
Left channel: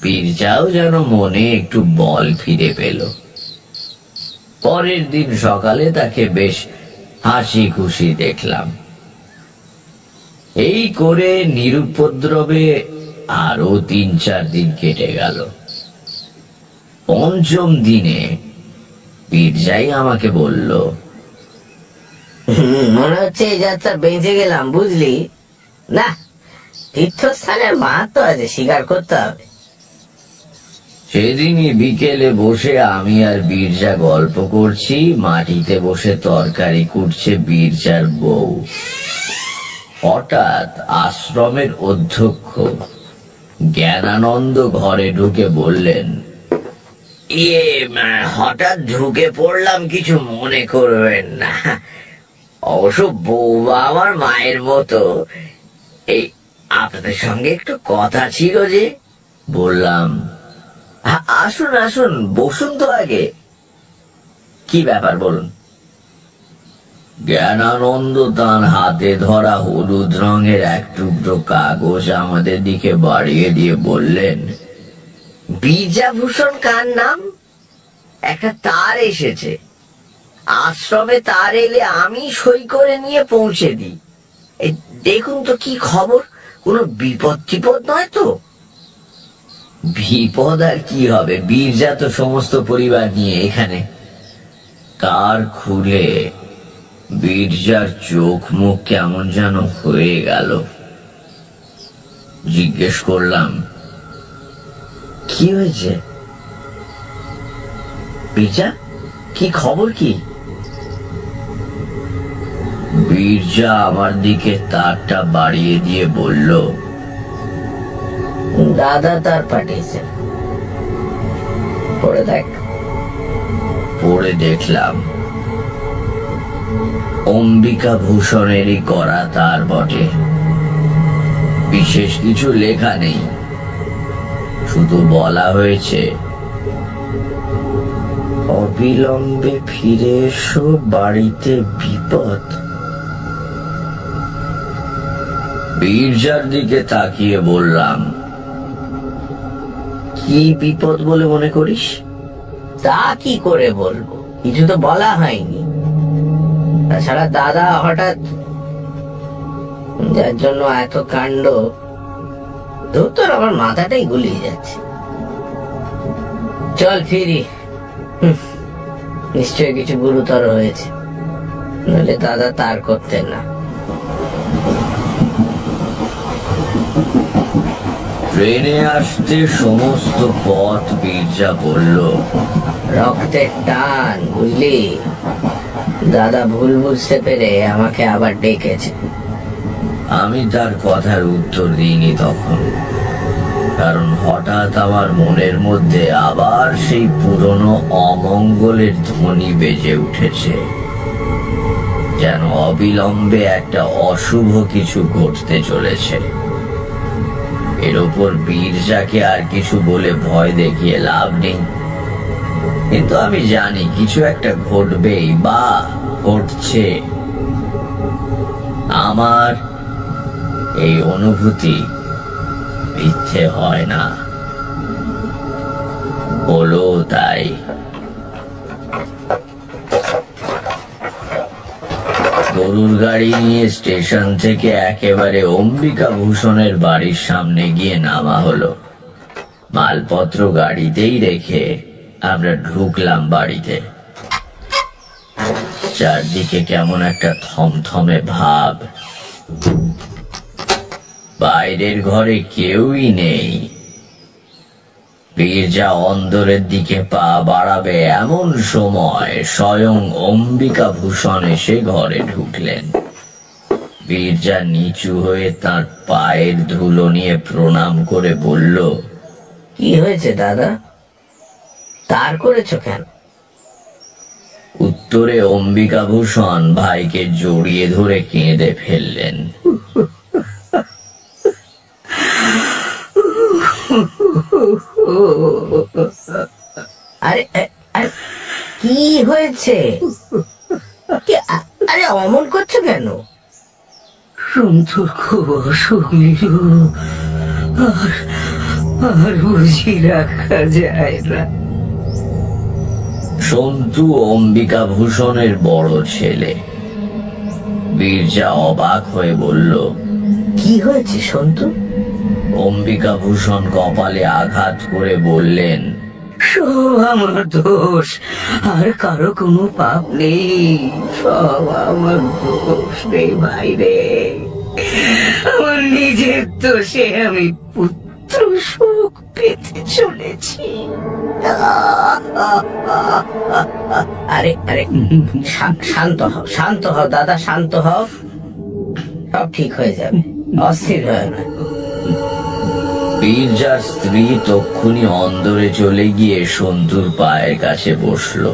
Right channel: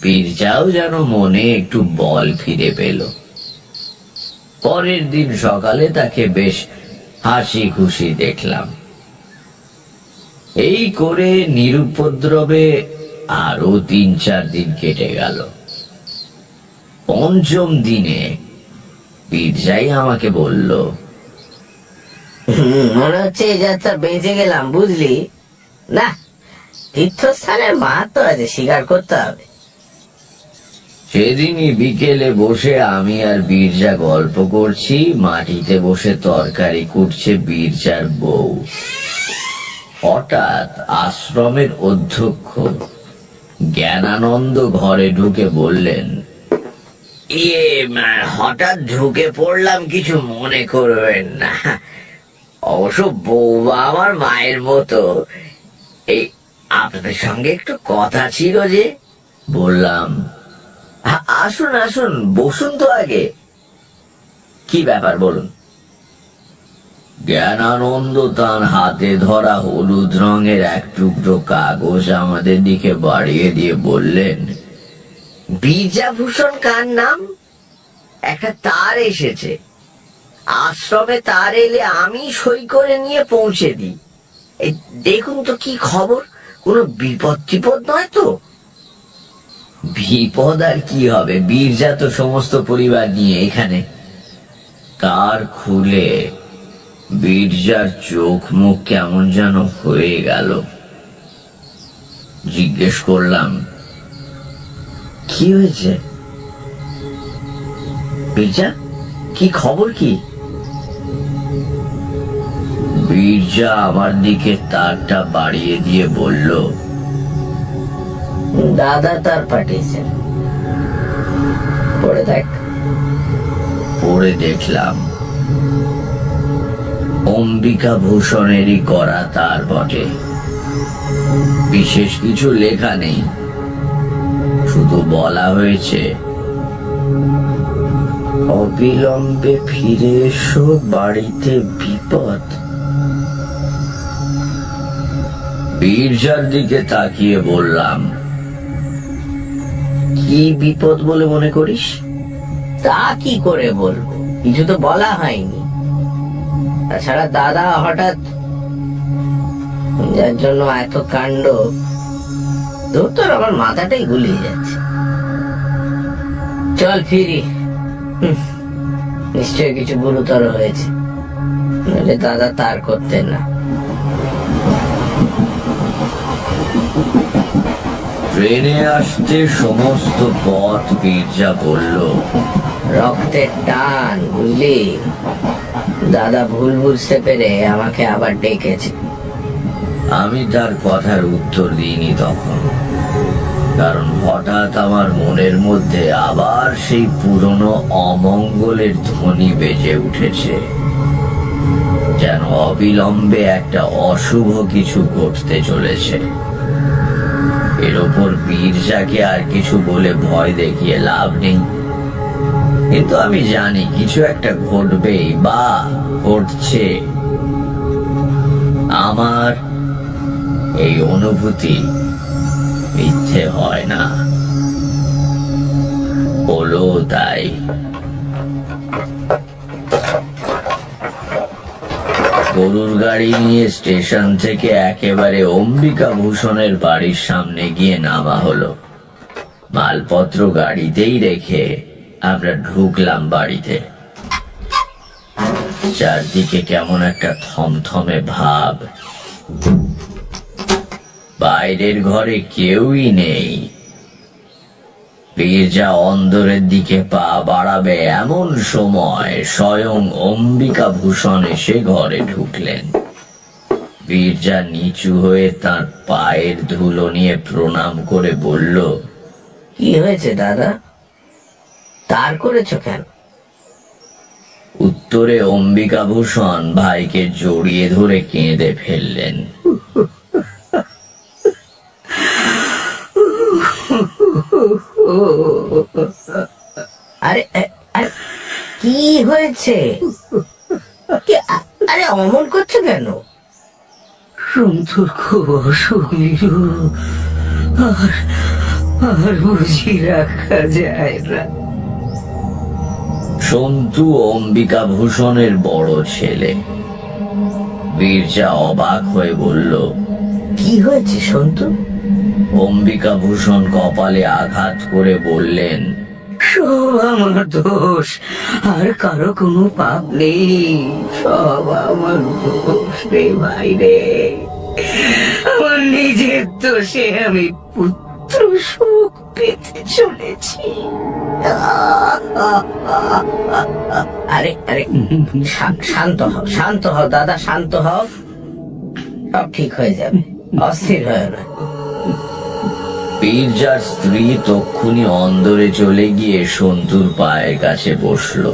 বীরজাও যেন মনে একটু বল ফিরে পেল। পরের দিন সকালে তাকে বেশ হাসি খুশি দেখলাম। এই করে নিরুপদ্রবে আরো 3-4 দিন কেটে গেল। পঞ্চম দিনে বীরজাই আমাকে বলল, মনে হচ্ছে এই যাত্রা বেঁচে গেলাম, বুঝলি না? তীর্থস্থানের মাহাত্ম আছে, স্বীকার করতে হবে। সেদিনই বিকেলে বসে আমি আর বীরজা গল্প করছি। মাটিতে বসে তরকারি কুটছে বীরজার বউ। হঠাৎ আশ্রমের অধ্যক্ষ জ্ঞানানন্দ ঘরে ঢুকে বললেন, হঠাৎ ঢুকে পড়লাম, কিছু মনে করবেন না। অবশ্য বৌমা আমার মায়ের মতো। এই আপনাদের সঙ্গে একটু কথা ছিল যে। বললাম, আসুন আসুন, বসুন তো আগে। কি ব্যাপার বলুন। জ্ঞানানন্দ তার হাতে ধরা হলুদ রঙের এক টুকরো কাগজ আমাদের দিকে বাড়িয়ে দিয়ে বললেন, বীরজাভূষণ কার নাম? একটা তার এসেছে। আশ্রমে তার এলে আমি সই করে নিয়ে পৌঁছে দিই। এই দেখুন তো কি খবর, কোনো বিপদ টিপদ নয় তো? বিপদ আর কি হবে, বীরজা তো সমস্ত পরিবার নিয়ে এখানে। তার খুলে বীরজার চোখ মুখ কেমন যেন হয়ে গেল। জিজ্ঞেস করলাম, কি হয়েছে বীরজা, কি খবর কি? বীরজা আমার দিকে তারটা বাড়িয়ে দিয়ে বলল, দাদা তার পাঠিয়েছেন, পড়ে দেখ। পড়ে দেখলাম, অম্বিকা ভূষণেরই করা তার বটে। বিশেষ কিছু লেখা নেই, শুধু বলা হয়েছে, অবিলম্বে ফিরে এসো, বাড়িতে বিপদ। বীরজার দিকে তাকিয়ে বললাম, কি বিপদ বলে মনে করিস? তা কি করে বলবো, কিছু তো বলা হয়নি। তাছাড়া দাদা হঠাৎ যার জন্য এত কাণ্ড, তোর আমার মাথাটাই গুলিয়ে যাচ্ছে। চল ফিরি, নিশ্চয় কিছু গুরুতর হয়েছে, নইলে দাদা তার করতেন না। ট্রেনে আসতে সমস্ত পথ বীরজা বলল, রক্তের টান, বুঝলি? দাদা ভুল বুঝতে পেরে আমাকে আবার ডেকেছে। আমি তার কথার উত্তর দিইনি তখন, কারণ হঠাৎ আমার মনের মধ্যে আবার সেই পুরনো অমঙ্গলের ধ্বনি বেজে উঠেছে, যেন অবিলম্বে একটা অশুভ কিছু ঘটতে চলেছে। এর ওপর বীরজাকে আর কিছু বলে ভয় দেখিয়ে লাভ নেই, কিন্তু আমি জানি কিছু একটা ঘটবেই বা ঘটছে। আমার এই অনুভূতি মিথ্যে হয় না, হলো তাই। গরুর গাড়ি নিয়ে স্টেশন থেকে একেবারে অম্বিকা ভূষণের বাড়ির সামনে গিয়ে নামা হলো। মালপত্র গাড়িতেই রেখে আমরা ঢুকলাম বাড়িতে। চারদিকে কেমন একটা থমথমে ভাব, বাইরের ঘরে কেউই নেই। বীরজা অন্দরের দিকে পা বাড়াবে এমন সময় স্বয়ং অম্বিকা ভূষণ এসে ঘরে ঢুকলেন। বীরজা নিচু হয়ে তার পায়ের ধুলো নিয়ে প্রণাম করে বলল, কি হয়েছে দাদা, তার করেছো কেন? উত্তরে অম্বিকা ভূষণ ভাইকে জড়িয়ে ধরে কেঁদে ফেললেন। আরে আরে, কি হয়েছে? আরে অমন করছো কেন? সন্তুর খুব অসুখ নিরু, আর বুঝি রাখা যায় না। সন্তু অম্বিকা ভূষণের বড় ছেলে। বীরজা অবাক হয়ে বলল, কি হয়েছে সন্তু? অম্বিকা ভূষণ কপালে আঘাত করে বললেন, সব আমার দোষ, আর কারো কোনো পাপ নেই, সব আমার দোষ রে ভাই রে। আমার নিজের দোষে আমি পুত্র সুখ পেতে চলেছি। আরে আরে, শান্ত হও, শান্ত হও দাদা, শান্ত হও, সব ঠিক হয়ে যাবে, অস্থির হয় না। বীরজার স্ত্রী তক্ষুনি অন্দরে চলে গিয়ে সন্তুর পায়ের কাছে বসল।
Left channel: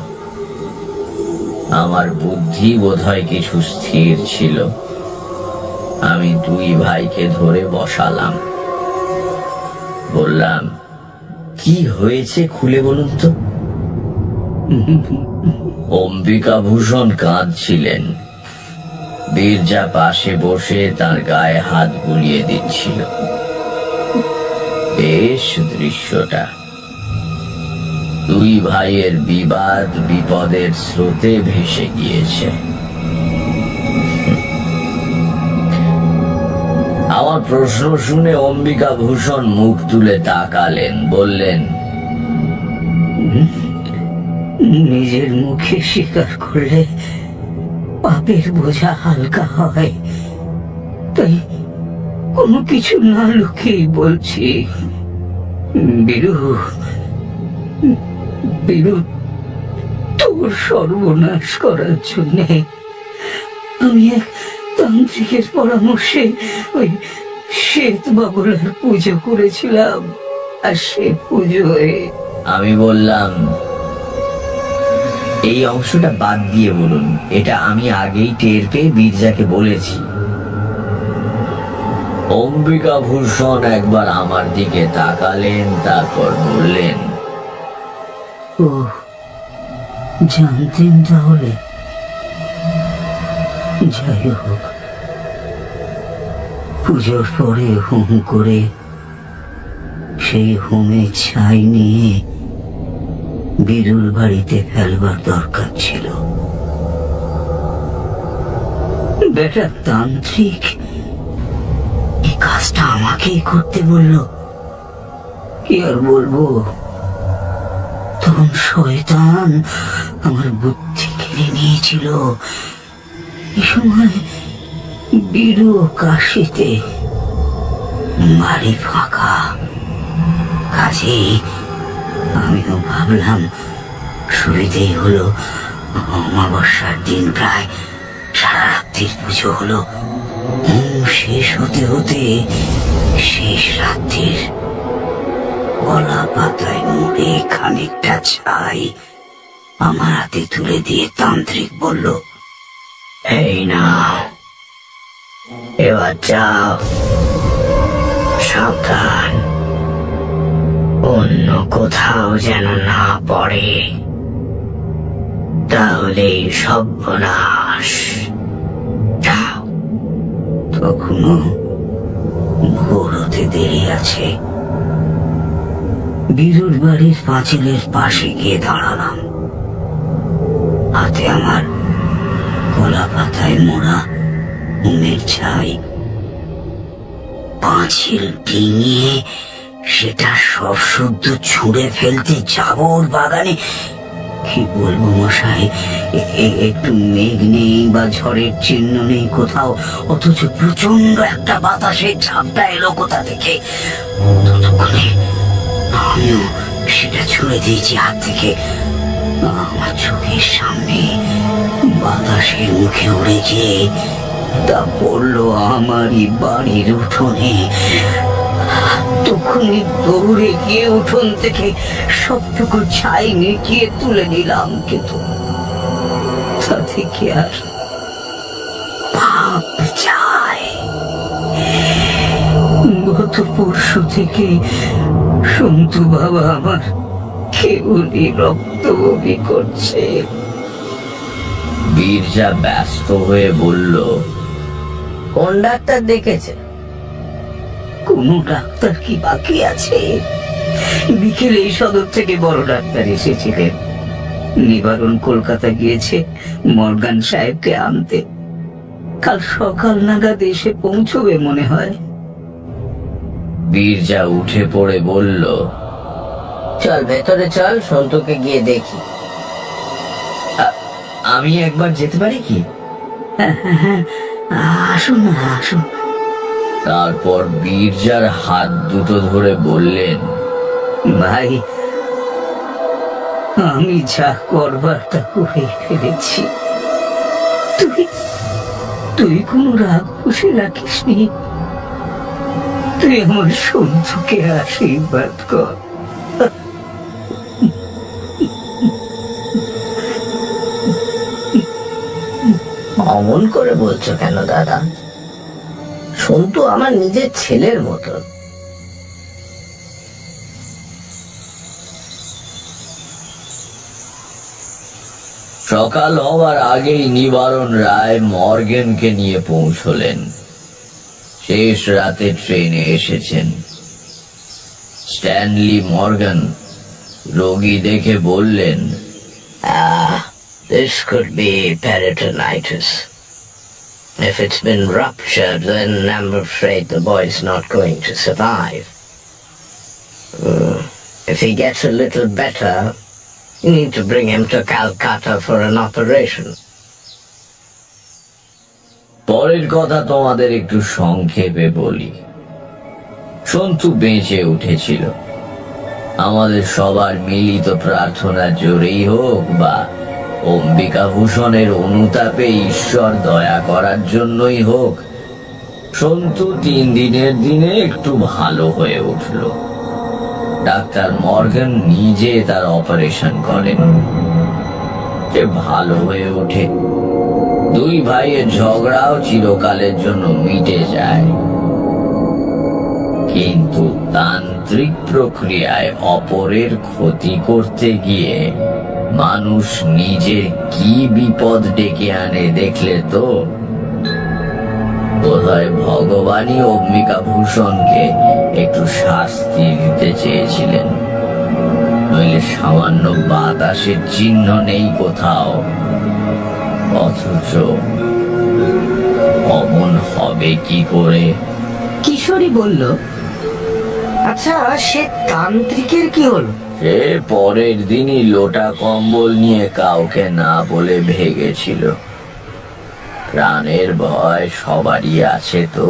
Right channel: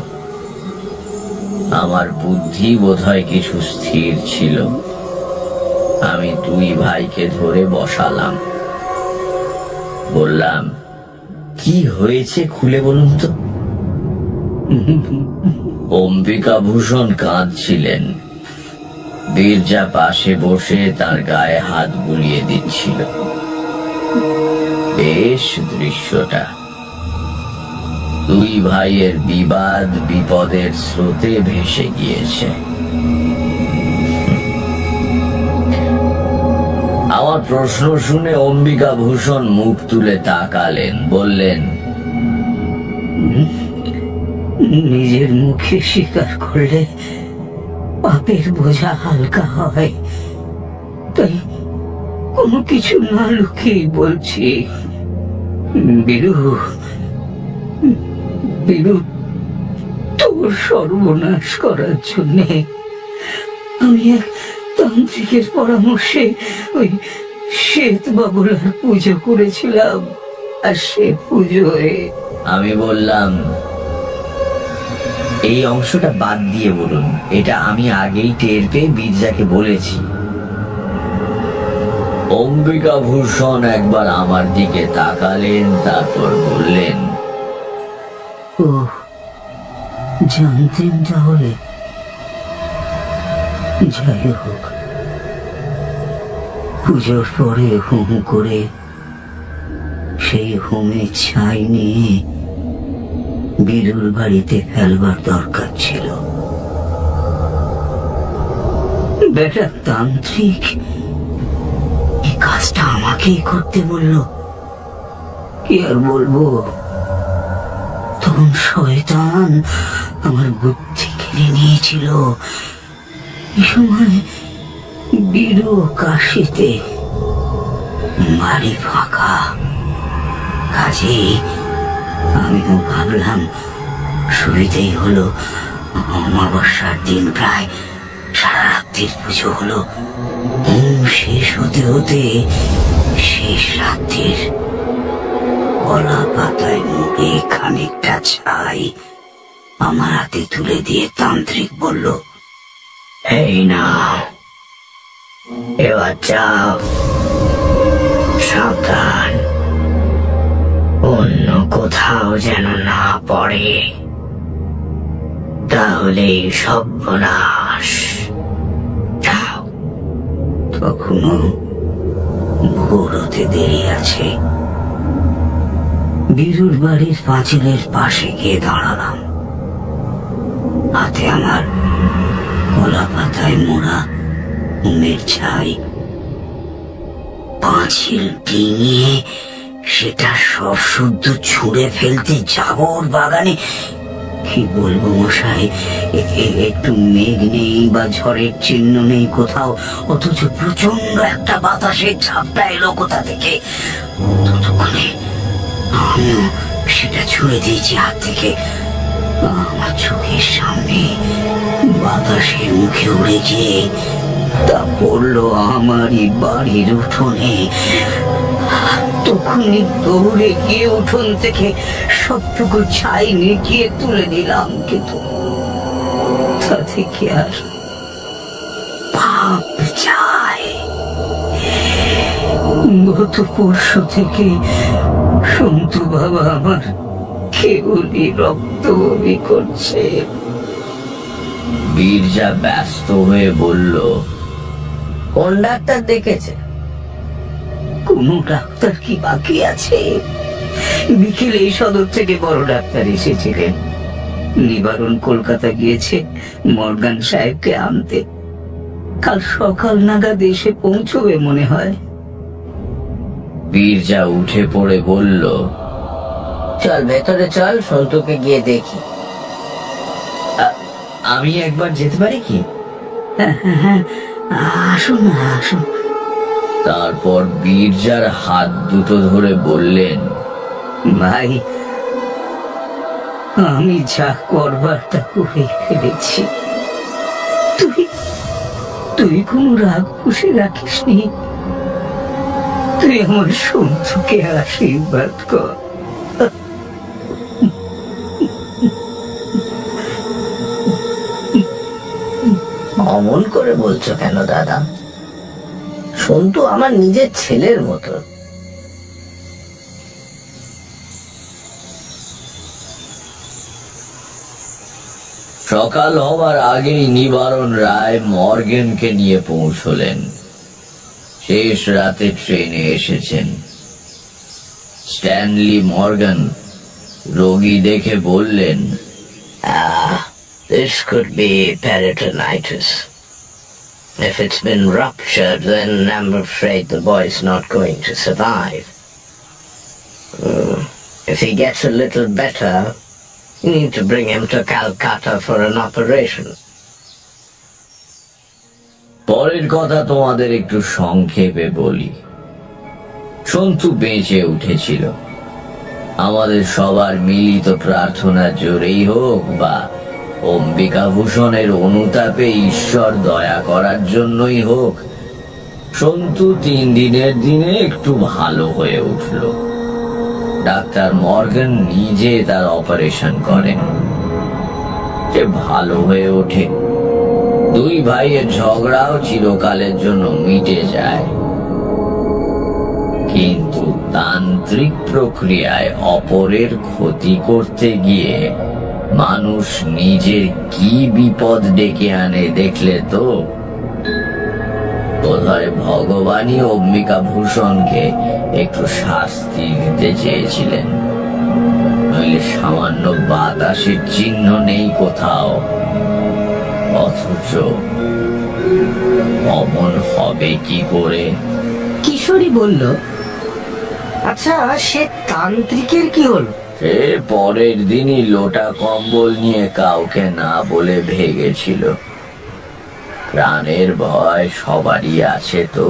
আমার বুদ্ধি বোধহয় কিছু স্থির ছিল। আমি দুই ভাইকে ধরে বসালাম, বললাম, কি হয়েছে খুলে বলুন তো। অম্বিকা ভূষণ কাঁদছিলেন। বীরজা পাশে বসে তার গায়ে হাত বুলিয়ে দিচ্ছিল। বেশ দৃশ্যটা। দুই ভাইয়ের বিবাদ বিপদের স্রোতে ভেসে গিয়েছে। আমার প্রশ্ন শুনে অম্বিকা ভূষণ মুখ তুলে তাকালেন, বললেন, নিজের মুখে স্বীকার করলে পাপের বোঝা হালকা হয়, তাই কোনো কিছু না লুকিয়ে বলছি। বীরু, বীরু, তোর সর্বনাশ করার জন্যে আমি এক তান্ত্রিকের পরামর্শে ওই শ্বেত বাবলার পুজো করেছিলাম। আর সে পুজোয় আমি বললাম, এই অংশটা বাদ দিয়ে বলুন, এটা আমি আগেই টের পেয়ে বীরজাকে বলেছি। অম্বিকা ভূষণ একবার আমার দিকে তাকালেন, তারপর বললেন, ও জানতেন তাহলে? যাই হোক, পুজোর পরে হোম করে সেই হোমে ছাই নিয়ে বীরুর বাড়িতে ফেলবার দরকার ছিল। বেটা তান্ত্রিক এই কাজটা আমাকেই করতে বলল। কি আর বলবো, তখন শয়তান আমার বুদ্ধি কেড়ে নিয়েছিল। এ সময় বীরু কাশিতে, বাড়ি ফাঁকা। কাজেই আমিও ভাবলাম সুবিধেই হলো। অমাবস্যার দিন প্রায় সারা রাত্রির পুজো হলো। শেষ হতে হতে শেষ রাত্রির কলা পাতায় মুড়ে খানিকটা ছাই আমার হাতে তুলে দিয়ে তান্ত্রিক বলল, এই না, এবার যাও, সাবধান, অন্য কোথাও যেন না পড়ে, তাহলেই সর্বনাশ। যাও। তখনও ভোর হতে দেরি আছে। বীরুর বাড়ির পাঁচিলের পাশে গিয়ে দাঁড়ালাম। হাতে আমার কলা পাতায় মোড়া উমের ছাই। পাঁচিল ডিঙিয়ে সেটা সব শুদ্ধ ছুঁড়ে ফেলতে যাব ওর বাগানে। কি বলবো মশাই, একটু মেঘ নেই বা ঝড়ের চিহ্ন নেই কোথাও, অথচ প্রচন্ড একটা বাতাসের ঝাপটা এলো কোথা থেকে। ততক্ষণে আমিও সেটা ছুঁড়ে দিয়েছি হাত থেকে। আমার চোখের সামনে বাতাসের মুখে উড়ে গিয়ে তা পড়লো আমারই বাড়ির উঠোনে। তখনই দৌড়ে গিয়ে উঠোন থেকে সবটুকু ছাই নিকিয়ে তুলে নিলাম, কিন্তু তাতে কি আর পাপ যায়? গত পরশু থেকে সন্তু বাবা আমার কেবলই রক্ত বমি করছে। বীরজা ব্যস্ত হয়ে বলল, কোন ডাক্তার দেখেছে? কোনো ডাক্তার কি বাকি আছে? বিকেলে এই সদর থেকে বড় ডাক্তার এসেছিলেন। নিবারণ কলকাতা গিয়েছে মর্গান সাহেবকে আনতে। কাল সকাল নাগাদ এসে পৌঁছবে মনে হয়। বীরজা উঠে পড়ে বলল, চল ভেতরে চল, সন্তুকে গিয়ে দেখি। আমি একবার যেতে পারি কি? হ্যাঁ, আসুন না, আসুন। তারপর বীরজার হাত দুটো ধরে বললেন, ভাই, আমি যা করবার তা করে ফেলেছি। তুই কোনো রাগ পুষে রাখিস নি। তুই আমার সন্তুকে আশীর্বাদ কর। অমন করে বলছো কেন দাদা? সন্তু আমার নিজের ছেলের মতো। সকাল হবার আগেই নিবারণ রায় মর্গেনকে নিয়ে পৌঁছলেন। শেষ রাতে ট্রেনে এসেছেন। স্ট্যানলি মর্গান রোগী দেখে বললেন, This could be peritonitis. If it's been ruptured, then I'm afraid the boy's not going to survive. If he gets a little better, you need to bring him to Calcutta for an operation. পরের কথা তোমাদের একটু সংক্ষেপে বলি। সন্তু বেঁচে উঠেছিল। আমাদের সবার মিলিত প্রার্থনার জোরেই হোক বা অম্বিকাভূষণের অনুতাপে ঈশ্বর দয়া করার জন্যই হোক, সন্তু 3 দিনের দিনে একটু ভালো হয়ে উঠল। ডাক্তার মর্গান নিজে তার অপারেশন করেন। সে ভালো হয়ে ওঠে। 2 ভাইয়ের ঝগড়াও চিরকালের জন্য মিটে যায়। কিন্তু তান্ত্রিক প্রক্রিয়ায় অপরের ক্ষতি করতে গিয়ে মানুষ নিজের কি বিপদ ডেকে আনে দেখলে তো? বোধহয় ভগবানই অম্বিকাভূষণকে একটু শাস্তি দিতে চেয়েছিলেন, নইলে সামান্য বাতাসের চিহ্ন নেই কোথাও। অথচ অমন হবে কি করে? কিশোরী বলল, আচ্ছা, সে তান্ত্রিকের কি হলো? সে পরের দিনই লোটা কম্বল নিয়ে কাউকে না বলে ভেগেছিল। প্রাণের ভয় সবারই আছে তো।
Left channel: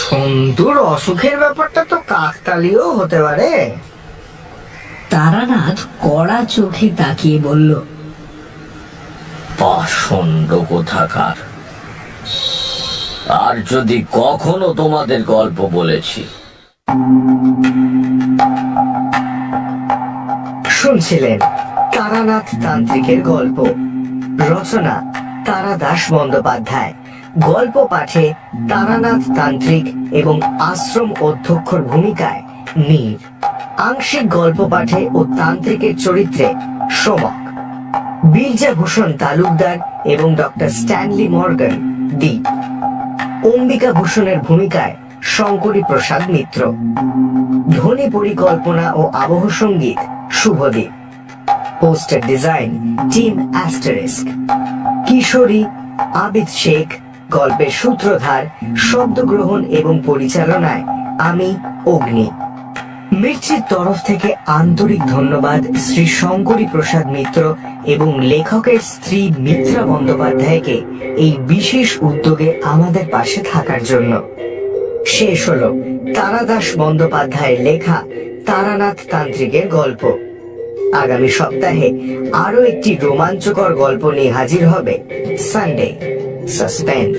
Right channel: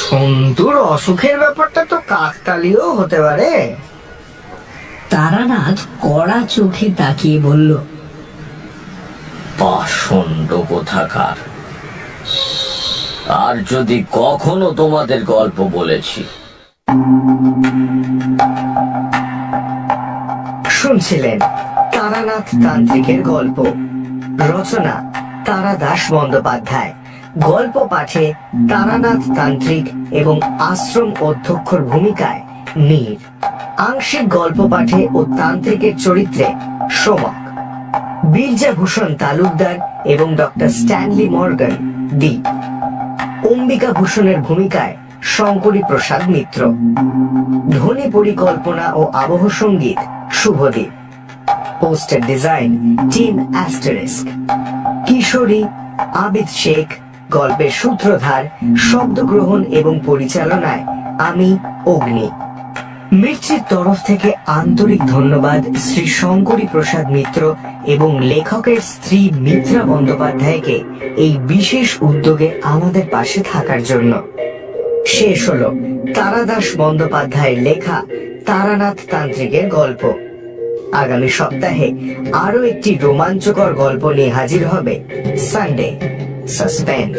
সন্তুর অসুখের ব্যাপারটা তো কাকতালীয় হতে পারে। তারানাথ কড়া চোখে তাকিয়ে বলল, পাষণ্ড কোথাকার। আর যদি কখনো তোমাদের গল্প বলেছি। শুনছিলেন তারানাথ তান্ত্রিকের গল্প। রচনা তারা দাস বন্দ্যোপাধ্যায়। গল্প পাঠে তারানাথ তান্ত্রিক এবং আশ্রম অধ্যক্ষর ভূমিকায় মীর। আংশিক গল্প পাঠে ও তান্ত্রিকের চরিত্রে সোমক। বীরজাভূষণ তালুকদার এবং ডক্টর স্ট্যানলি মর্গান দ্বীপ। অম্বিকাভূষণের ভূমিকায় শঙ্করী প্রসাদ মিত্র। ধ্বনি পরিকল্পনা ও আবহ সঙ্গীত Shubhadeep. Poster design team asterisk. Kishori Abid Sheikh. গল্পের সূত্রধার, শব্দগ্রহণ এবং পরিচালনায় আমি অগ্নি। মির্চির তরফ থেকে আন্তরিক ধন্যবাদ শ্রী শঙ্করী প্রসাদ মিত্র এবং লেখকের স্ত্রী মিত্রা বন্দ্যোপাধ্যায়কে এই বিশেষ উদ্যোগে আমাদের পাশে থাকার জন্য। শেষ হলো তারাদাস বন্দ্যোপাধ্যায়ের লেখা তারানাথ তান্ত্রিকের গল্প। আগামী সপ্তাহে আরো একটি রোমাঞ্চকর গল্প নিয়ে হাজির হবে সানডে সাসপেন্স।